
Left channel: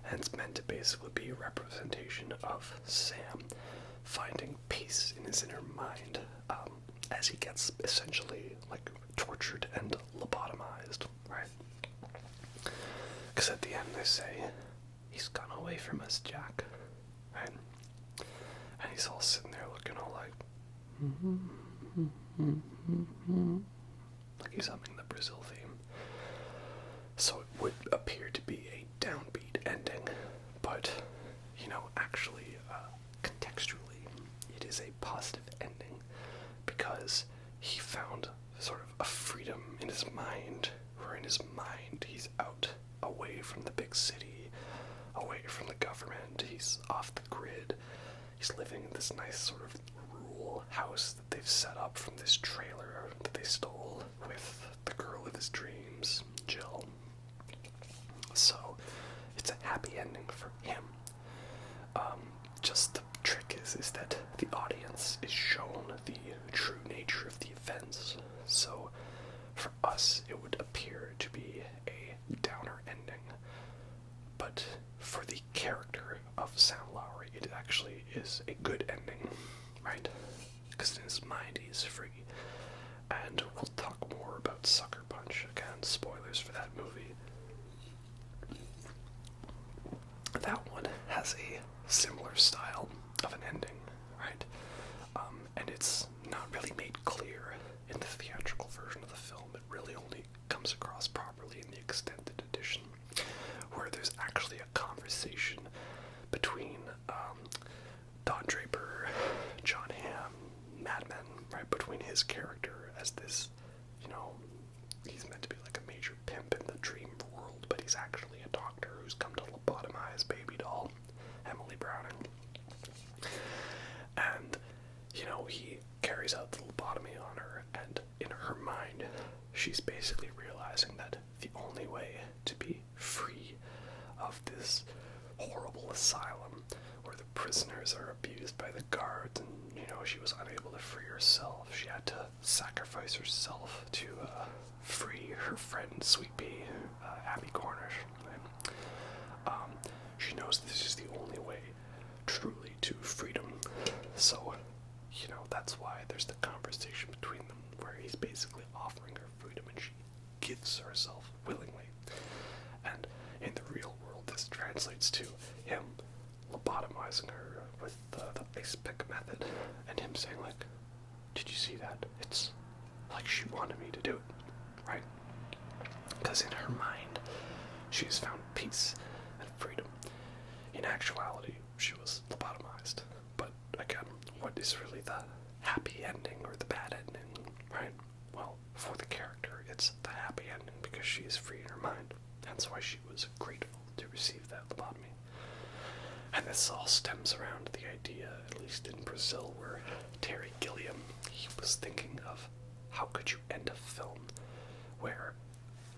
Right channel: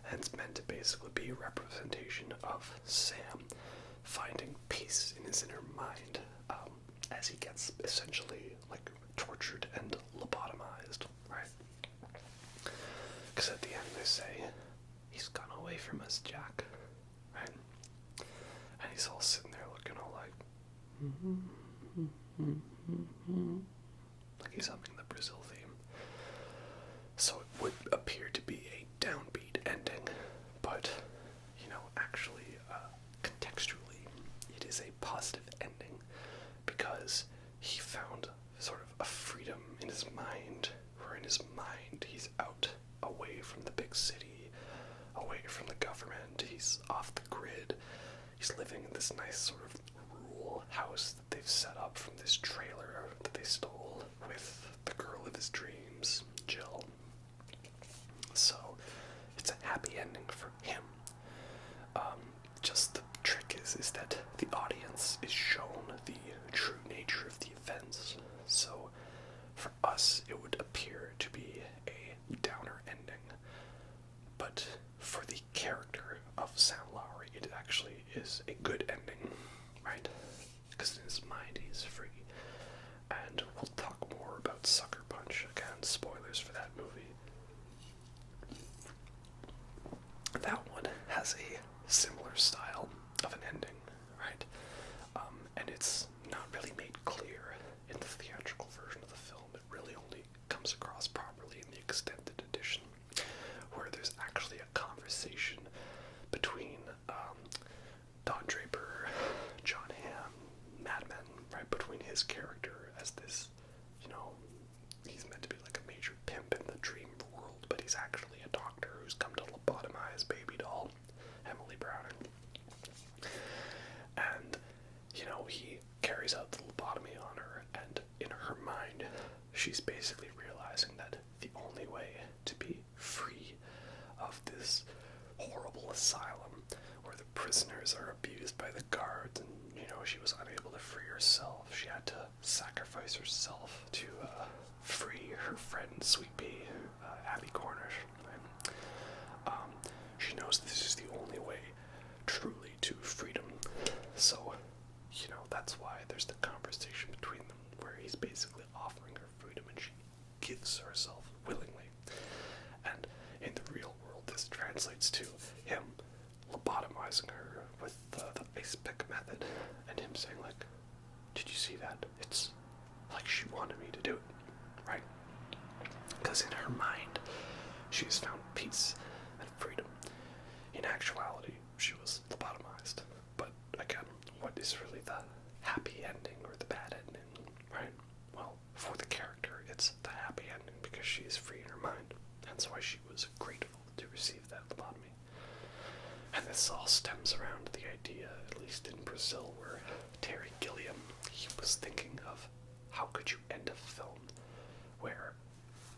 and it's meant to basically be a representation of Sam finding peace in his inner mind as he gets essentially like tortured and lobotomized, right? Because at the end they say, he's gone away from us, Jack, right? And he's all sitting there looking all like he's humming the Brazil theme. So it would appear to be a downbeat ending, but, actually, contextually, it is a positive ending, because he found sort of a freedom in his mind, where in his mind he's out, away from the big city, away away from the government. He's off the grid. He's living in this nice sort of rural house that they've set up from this trailer that they stole with the girl of his dreams, Jill. So it's a happy ending for him. Just the trick is that the audience is shown the true nature of the events. So for us, it would appear to be a downer ending. But for the character of Sam Lowry, it actually is a good ending, right? Because in his mind, he's free. And we'll talk more about Sucker Punch. Again, spoilers for that movie. That one has a similar style of an ending, right? And it's not really made clear in the theatrical version of the film. It really only comes across properly in the extended edition, where there's actually a conversation between Don Draper, John Hamm, Mad Men, right? Between his character as this, he's meant to be like a major pimp in the dream world, but he's actually a doctor who's come to lobotomize baby doll Emily Browning. And, he carries out the lobotomy on her, and in her mind, she's basically realizing that the only way to be free of this horrible asylum where the prisoners are abused by the guards, and, she was unable to free herself. She had to sacrifice herself to free her friend, Sweet Pea, Abby Cornish. Right? She knows this is the only way truly to freedom. So, that's why there's the conversation between them where he's basically offering her freedom and she gives herself willingly. And in the real world, this translates to him lobotomizing her with the ice pick method, and him saying, like, did you see that? It's like she wanted me to do it, right? Because in her mind, she has found peace and freedom. In actuality, she was lobotomized. But again, what is really the happy ending or the bad ending, right? Well, for the character, it's the happy ending because she is free in her mind. That's why she was grateful to receive that lobotomy. And this all stems around the idea, at least in Brazil, where Terry Gilliam, he was thinking of how could you end a film where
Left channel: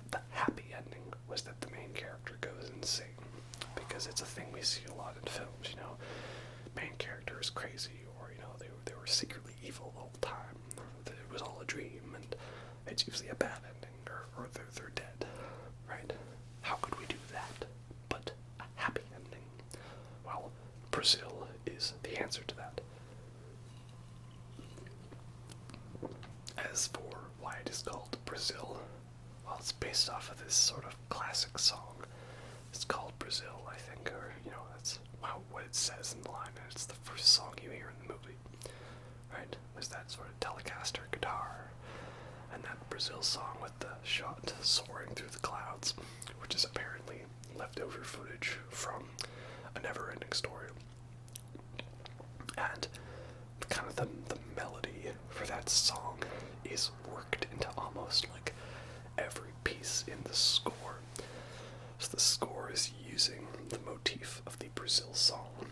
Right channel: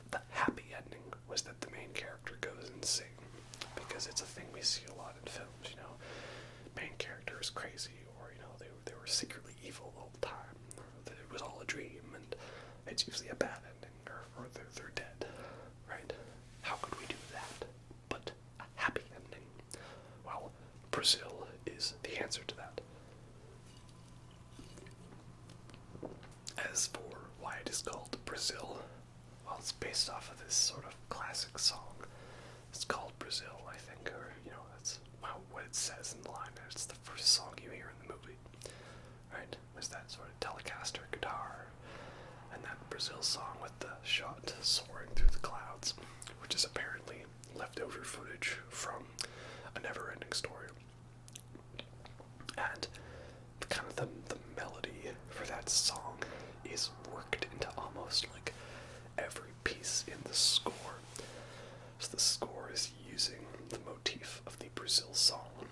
the happy ending was that the main character goes insane. Because it's a thing we see a lot in films, main character is crazy, or, they were secretly evil the whole time, that it was all a dream, and it's usually a bad ending, or they're dead, right? How could we do that but a happy ending? Well, Brazil is the answer to that. As for why it is called Brazil, well, it's based off of this sort of classic song. It's called Brazil, I think, or, that's what it says in the line. It's the first song you hear in the movie, right? There's that sort of Telecaster guitar, and that Brazil song with the shot soaring through the clouds, which is apparently leftover footage from A Never-Ending Story. And kind of the melody for that song is worked into almost like every piece in the score. So the score is using the motif of the Brazil song.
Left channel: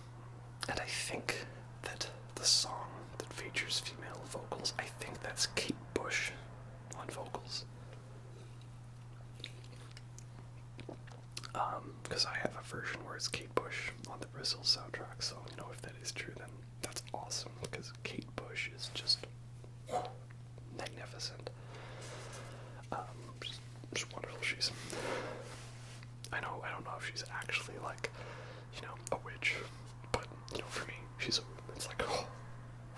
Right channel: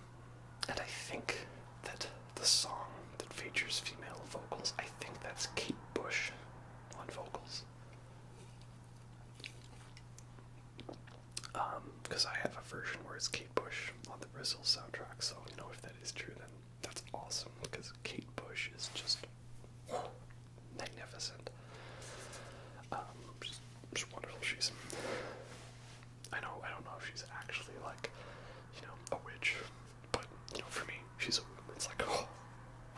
And I think that the song that features female vocals, I think that's Kate Bush on vocals. Because I have a version where it's Kate Bush on the Brazil soundtrack, so, if that is true, then that's awesome, because Kate Bush is just magnificent. Just wonderful. She's... I don't know if she's actually, like, a witch, but, for me, it's like,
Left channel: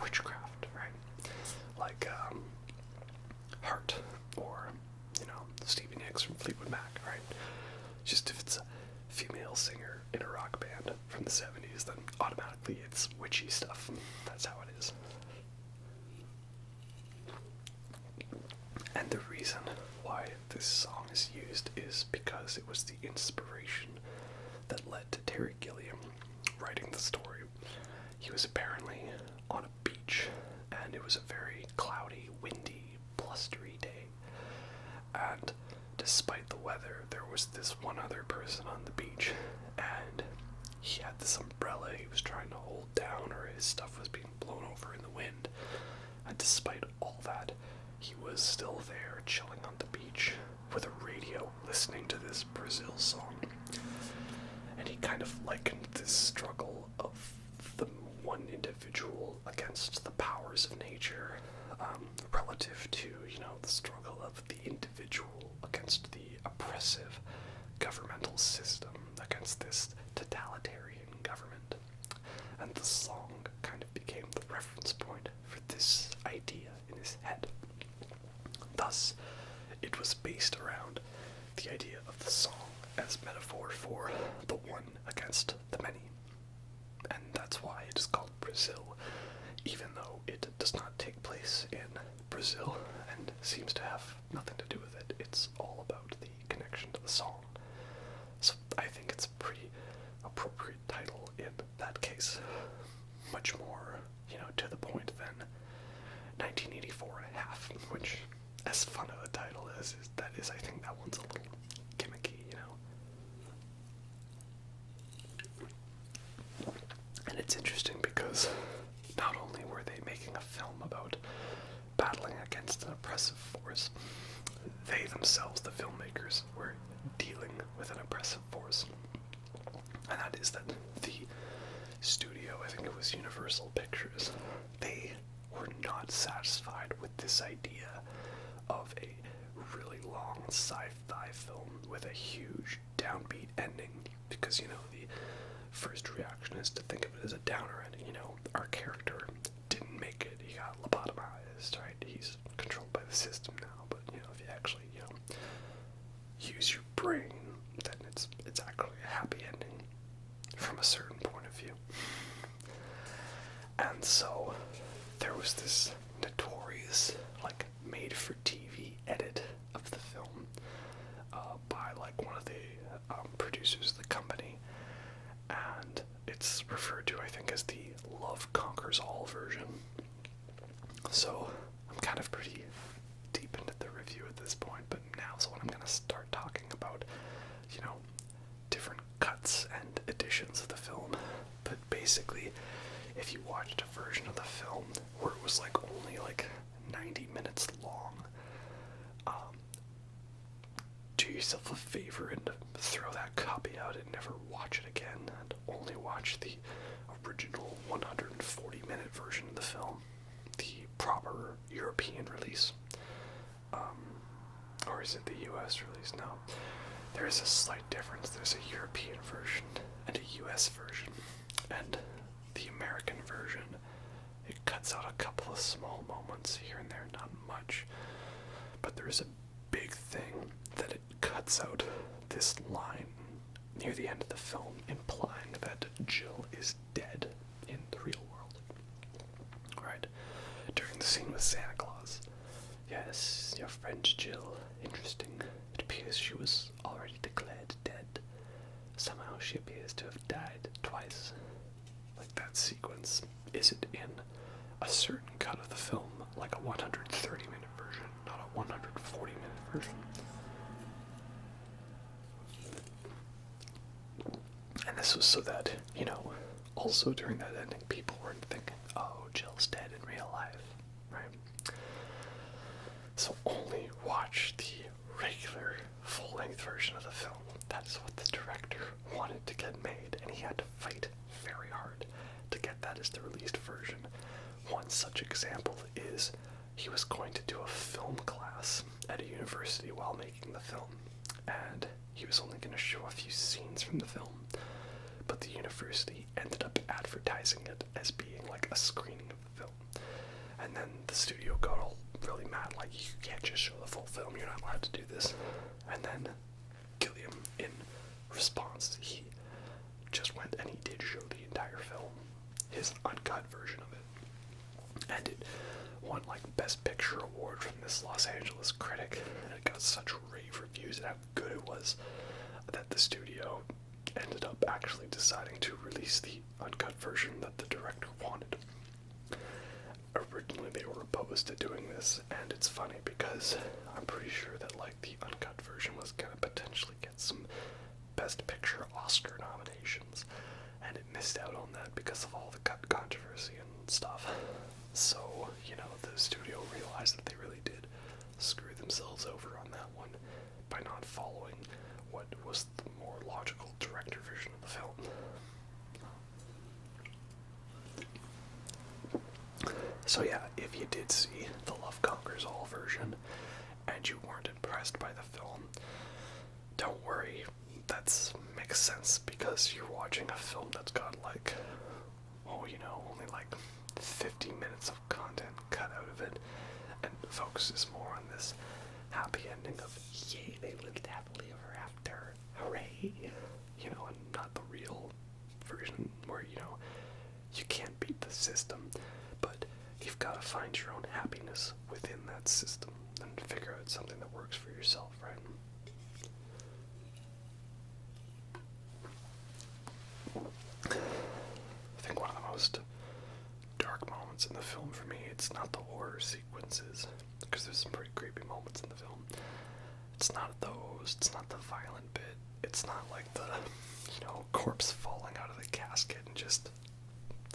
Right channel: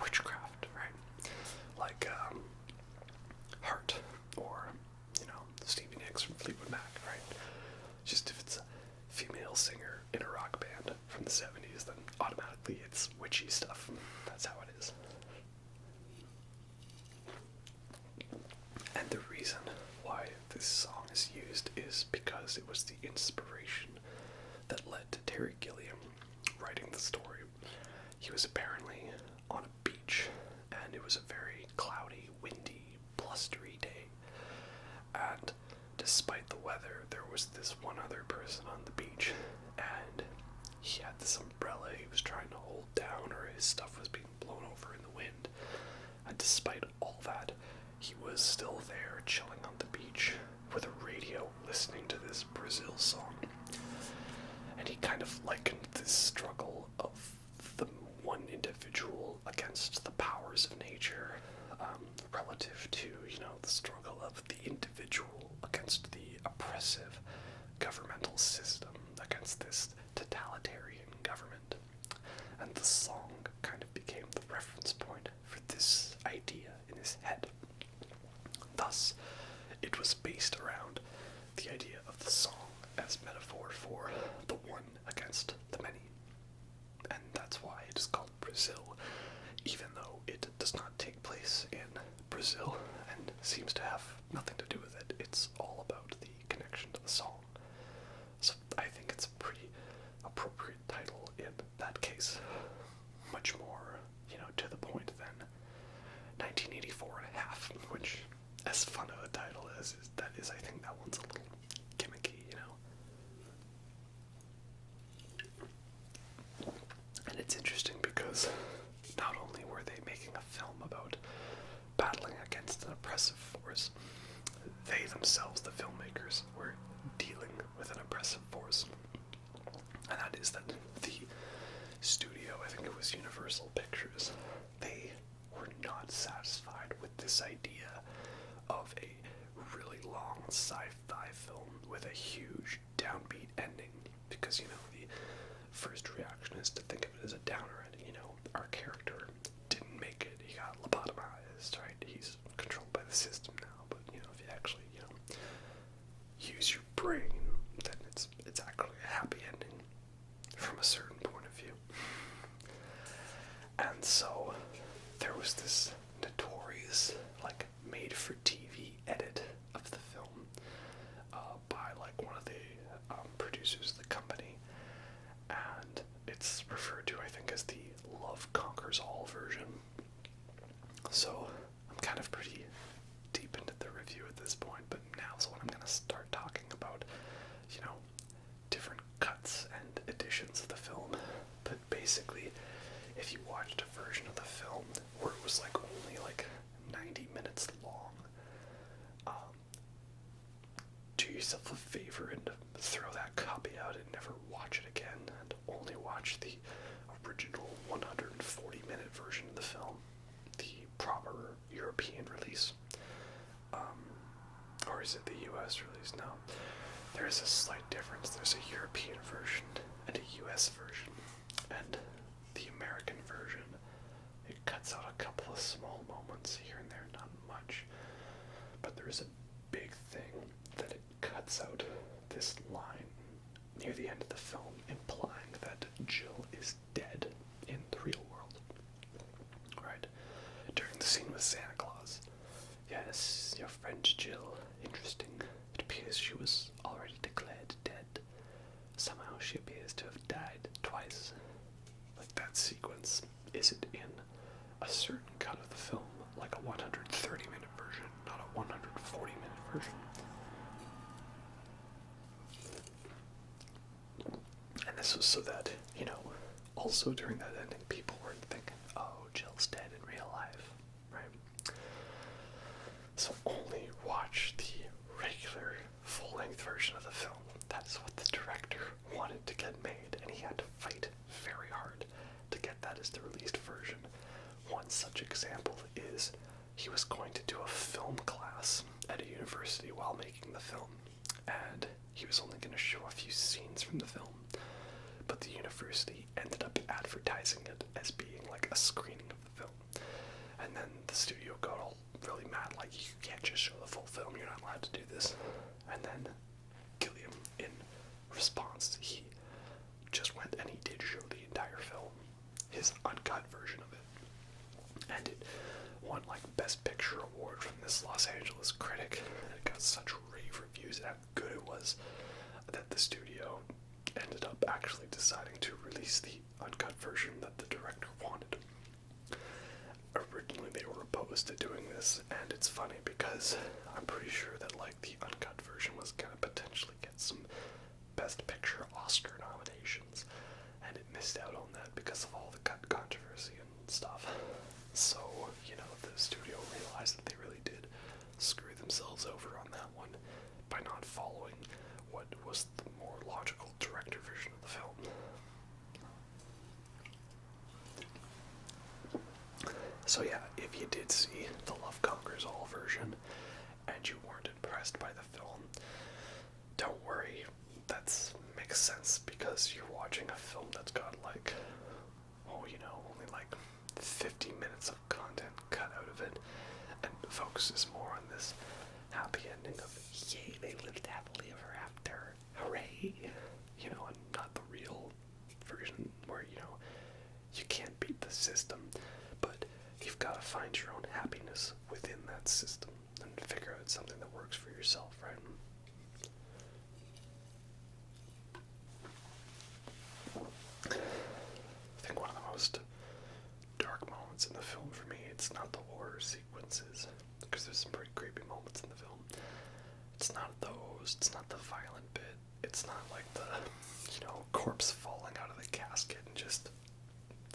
witchcraft, right? Like, Heart, or, Stevie Nicks from Fleetwood Mac, right? Just if it's a female singer in a rock band from the 70s, then automatically it's witchy stuff. That's how it is. And the reason why this song is used is because it was the inspiration that led to Terry Gilliam writing the story. He was apparently on a beach, and it was a very cloudy, windy, blustery day. And despite the weather, there was this one other person on the beach, and this umbrella he was trying to hold down, or his stuff was being blown over in the wind. And despite all that, he was still there, chilling on the beach with a radio, listening to this Brazil song. And he kind of likened this struggle of the one individual against the powers of nature, relative to, the struggle of the individual against the oppressive governmental system, against this totalitarian government. And the song kind of became the reference point for this idea in his head. Thus, it was based around the idea of the song as metaphor for the one against the many. And that's why it is called Brazil, even though it does not take place in Brazil and seems to have nothing to do with it. It's all about the connection to the song. So I think it's a pretty appropriate title in that case. Much more, to the point than 1984 and a half, which, as fun of a title as that is, I think that one's a little gimmicky, And it's interesting because not only were they making a film about battling against an oppressive force, they themselves, the filmmakers, were dealing with an oppressive force. And that is that the studio, I think it was Universal Pictures, they were not satisfied with this idea of a really long sci-fi film with a huge downbeat ending, because, the first reaction is to think of it as a downer ending. Our character didn't make it, he got lobotomized, right? He's controlled by the system now, but, if you actually, use your brain, then it's actually a happy ending from a certain point of view. And so there was this notorious, made-for-TV edit of the film by, one of the producers of the company, and it's referred to, I think, as the Love Conquers All version. So I'm kind of pretty deep into the review at this point, but now's when I'm going to start talking about, different cuts and editions of the film. But basically, if you watched a version of the film where it was only 90 minutes long, do yourself a favor and throw that copy out and never watch it again, and only watch the original 140-minute version of the film, the proper European release. Or is it the US release? No. There is a slight difference. There's a European version and a US version. And the American version, it cuts out a couple of small moments here and there, not much. But there is a big thing that it cuts out this line near the end of the film, implying that Jill is dead in the real world. Right? During the scene with Santa Claus. Yes, your friend Jill. Interesting. It appears she was already declared dead. Somehow she appears to have died twice. That sequence isn't in a certain cut of the film, like a 130-minute version, not a 140-minute version. And this was so that, also during that ending, people weren't thinking, oh, Jill's dead in real life, right? So only watch the regular full-length version of the film. That's what the director wanted to get made, and he had to fight very hard to get that as the released version. One such example is he was going to do a film class at a university while making the film, and he was only going to show a few scenes from the film, but the university ended up advertising it as being a screening of the film. And then the studio got all really mad, you can't just show the full film, you're not allowed to do this. And then Gilliam, in response, he just went and he did show the entire film, his uncut version of it. And it won Best Picture award from this Los Angeles critic. And it got such rave reviews at how good it was that the studio ended up actually deciding to release the uncut version that the director wanted. Originally they were opposed to doing this, and it's funny because I'm pretty sure that the uncut version was gonna potentially get some Best Picture Oscar nominations, and it missed out on that because of all the controversy and stuff. So, the studio realized that they really did screw themselves over on that one by not following what was the more logical director version of the film. So yeah, if you did see the Love Conquers All version and you weren't impressed by the film, don't worry, that makes sense because you're watching a film that's got only 50 minutes of content cut out of it and focuses more on this happy ending of yay, they lived happily ever after, hooray, and not the real version where, you can't beat the system, but you've got to find your own happiness within that system and figure out something that works for yourself, right? I think one of the most dark moments in the film for me, it's not the horror sequences, because there's some pretty creepy moments in the film. It's not those, it's not the violent bit, it's not like the, corpse falling out of the casket and just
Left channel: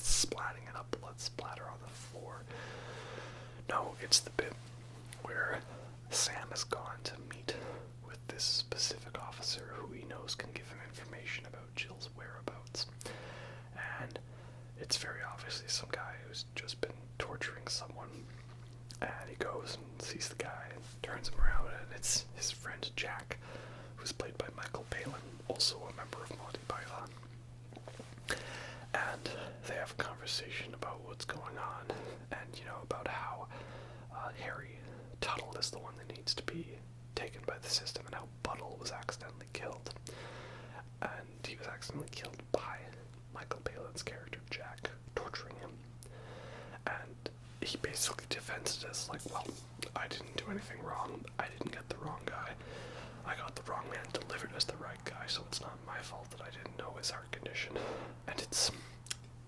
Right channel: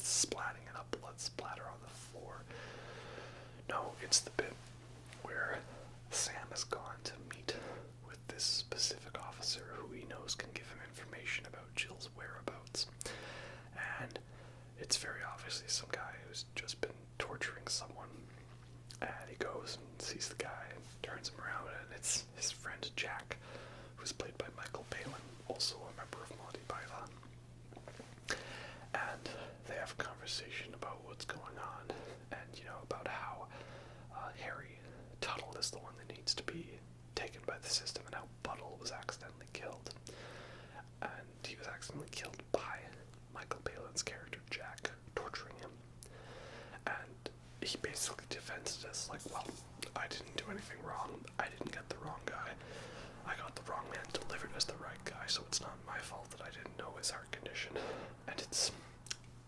splatting and a blood splatter on the floor. No, it's the bit where Sam has gone to meet with this specific officer who he knows can give him information about Jill's whereabouts. And it's very obviously some guy who's just been torturing someone. And he goes and sees the guy and turns him around, and it's his friend Jack, who's played by Michael Palin, also a member of Monty Python. And they have a conversation about what's going on, and about how Harry Tuttle is the one that needs to be taken by the system, and how Buttle was accidentally killed. And he was accidentally killed by Michael Palin's character Jack, torturing him. And he basically defends it as well, I didn't do anything wrong, I didn't get the wrong guy, I got the wrong man delivered as the right guy, so it's not my fault that I didn't know his heart condition. And it's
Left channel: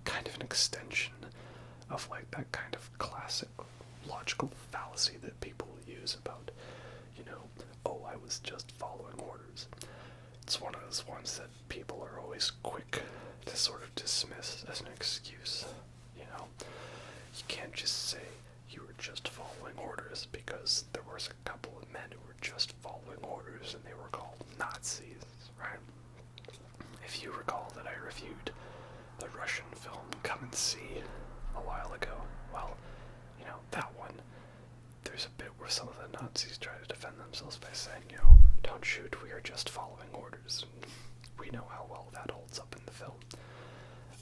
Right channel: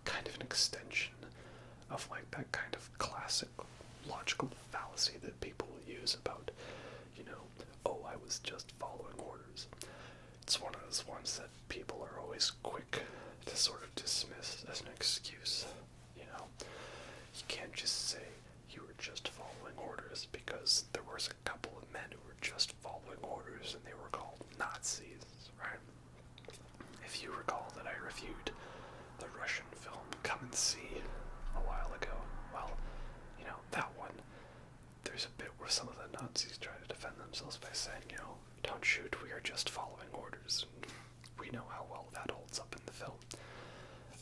kind of an extension of that kind of classic logical fallacy that people use about, oh, I was just following orders. It's one of those ones that people are always quick to sort of dismiss as an excuse, You can't just say you were just following orders, because there was a couple of men who were just following orders and they were called Nazis, right? If you recall that I reviewed the Russian film Come and See a while ago, well, that one, there's a bit where some of the Nazis try to defend themselves by saying, don't shoot, we are just following orders. And we know how well that holds up in the film.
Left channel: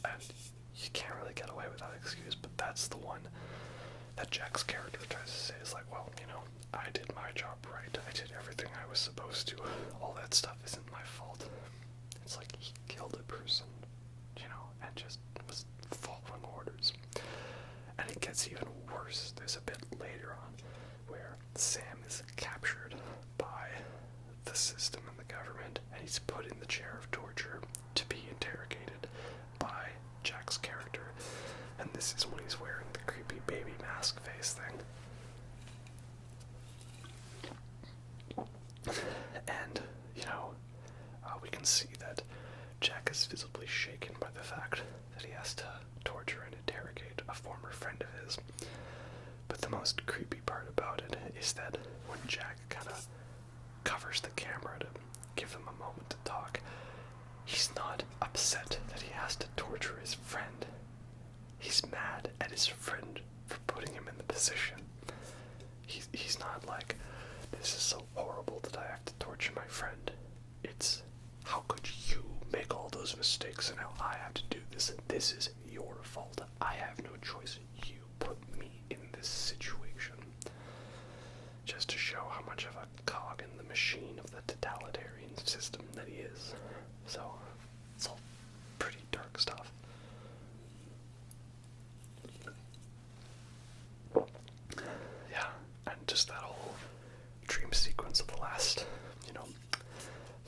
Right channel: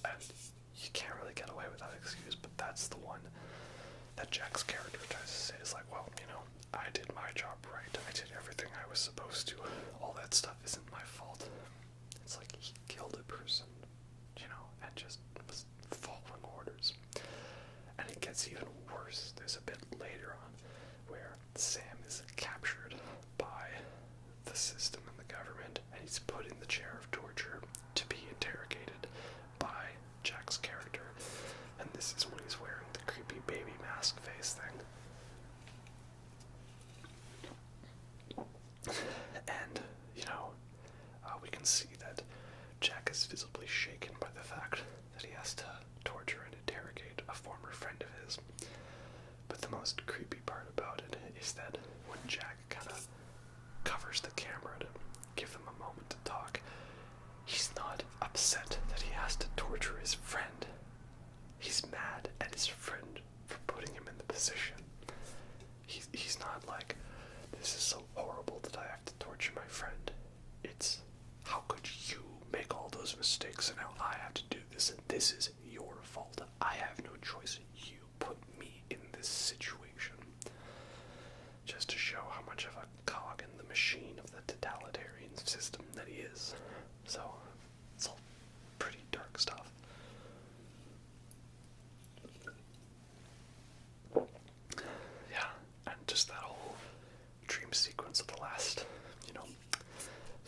And you can't really get away with that excuse, but that's the one that Jack's character tries to say is well, I did my job right. I did everything I was supposed to. All that stuff isn't my fault. It's he killed a person, and just was following orders. And it gets even worse. There's a bit later on where Sam is captured by the system and the government, and he's put in the chair of torture to be interrogated by Jack's character. And this is when he's wearing the creepy baby mask face thing. And, we can see that Jack is visibly shaken by the fact that he has to torture and interrogate a former friend of his. But the most creepy part about it is that when Jack kind of covers the camera to give him a moment to talk, he's not upset that he has to torture his friend. He's mad at his friend for putting him in the position. He's not this is so horrible that I have to torture my friend. It's, how could you make all those mistakes and now I have to do this, and this is your fault. I have no choice. You put me in this situation. Just to show how much of a cog in the machine of the totalitarian system that he is. So, it's all pretty dark stuff. Yeah, and just that whole dream sequence of the last,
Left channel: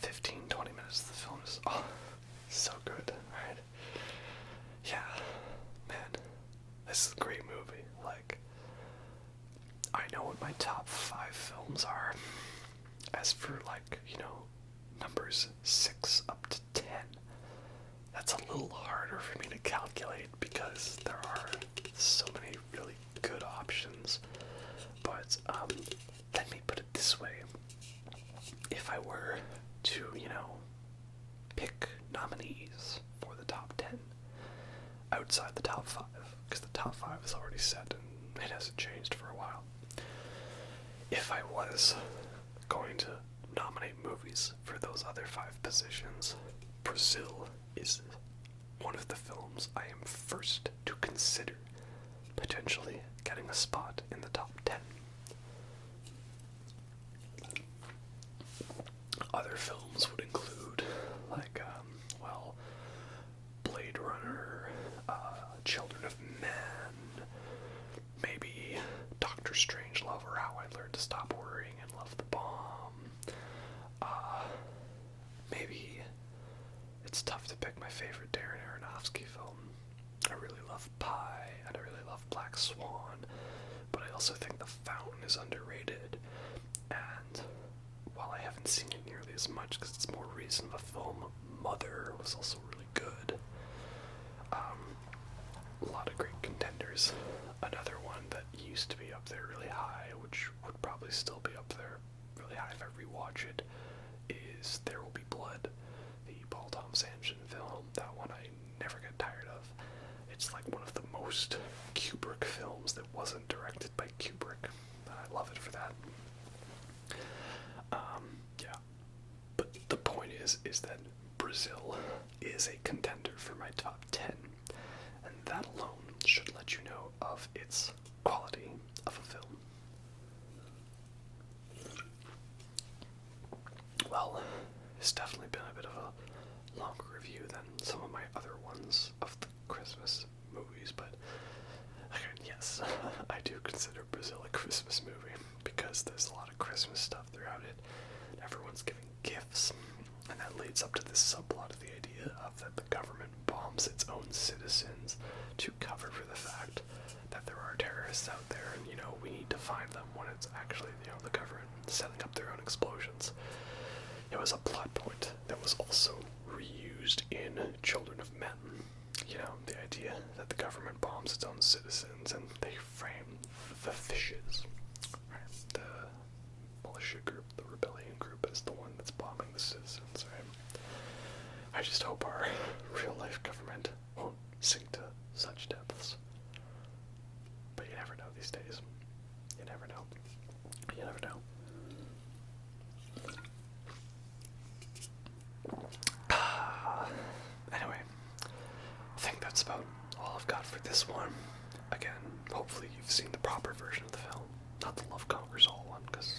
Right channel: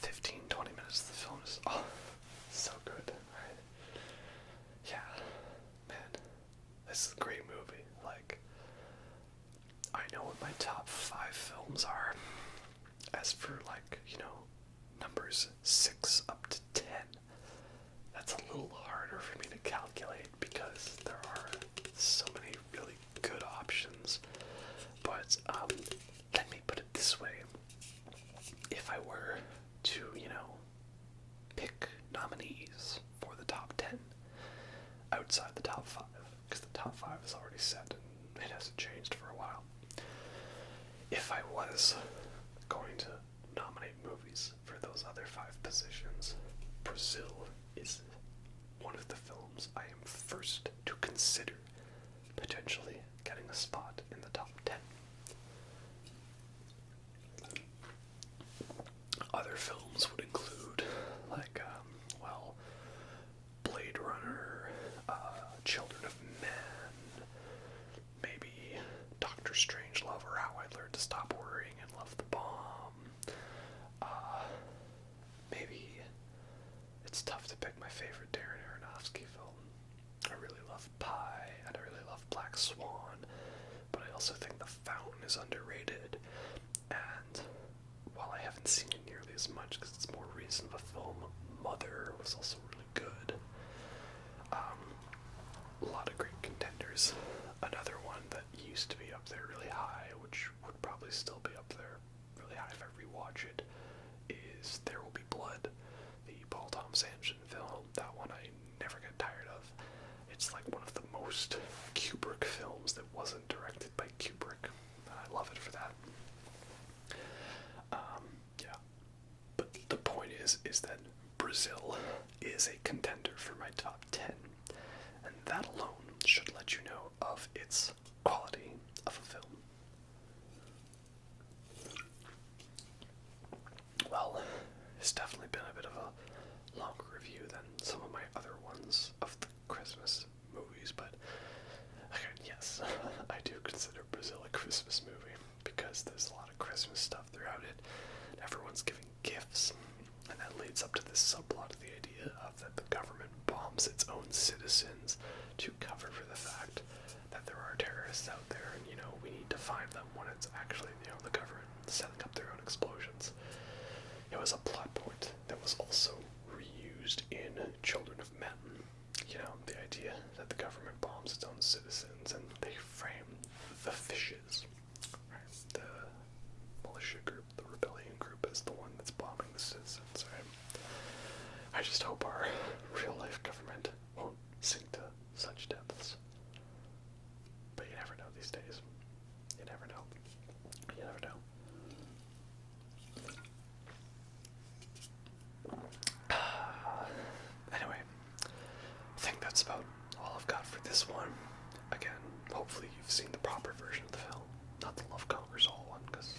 15, 20 minutes of the film is, so good, right? Yeah, man, this is a great movie. I know what my top 5 films are. As for, numbers 6 up to 10, that's a little harder for me But let me put it this way. If I were to, pick nominees for the top 10 outside the top 5, because the top 5 is already set and it hasn't changed for a while. If I was going to nominate movies for those other 5 positions, Brazil is one of the films I am first to consider potentially getting a spot in the top 10. Other films would include, like, Blade Runner, Children of Men, maybe Doctor Strangelove or How I Learned to Stop Worrying and Love the Bomb. Maybe it's tough to pick my favorite Darren Aronofsky film. I really love Pi, and I really love Black Swan, but I also think The Fountain is underrated, and while I haven't seen it nearly as much because it's more recent of a film, Mother was also really good. A lot of great contenders. Another one that used to be up there really high, which would probably still be up there really high if I rewatch it, is There Will Be Blood, the Paul Thomas Anderson film. That one I never get tired of. It's like one of the most Kubrick films that wasn't directed by Kubrick. I love it for that. Yeah. But the point is that Brazil is a contender for my top 10, and that alone should let you know of its quality of a film. Well, it's definitely been a bit of a longer review than some of my other ones of the Christmas movies, but again, yes, I do consider Brazil a Christmas movie because there's a lot of Christmas stuff throughout it. Everyone's giving gifts, and that leads up to this subplot of the idea of that the government bombs its own citizens to cover for the fact that there are terrorists out there, and we need to find them when it's actually the government setting up their own explosions. It was a plot point that was also reused in Children of Men. The idea that the government bombs its own citizens and they frame the fishes, right? The militia group, the rebellion group, as the one that's bombing the citizens, right? I just hope our real-life government won't sink to such depths. But you never know these days. You never know. You never know. Anyway, I think that's about all I've got for this one. Again, hopefully you've seen the proper version of the film, not the Love Conquers All one, because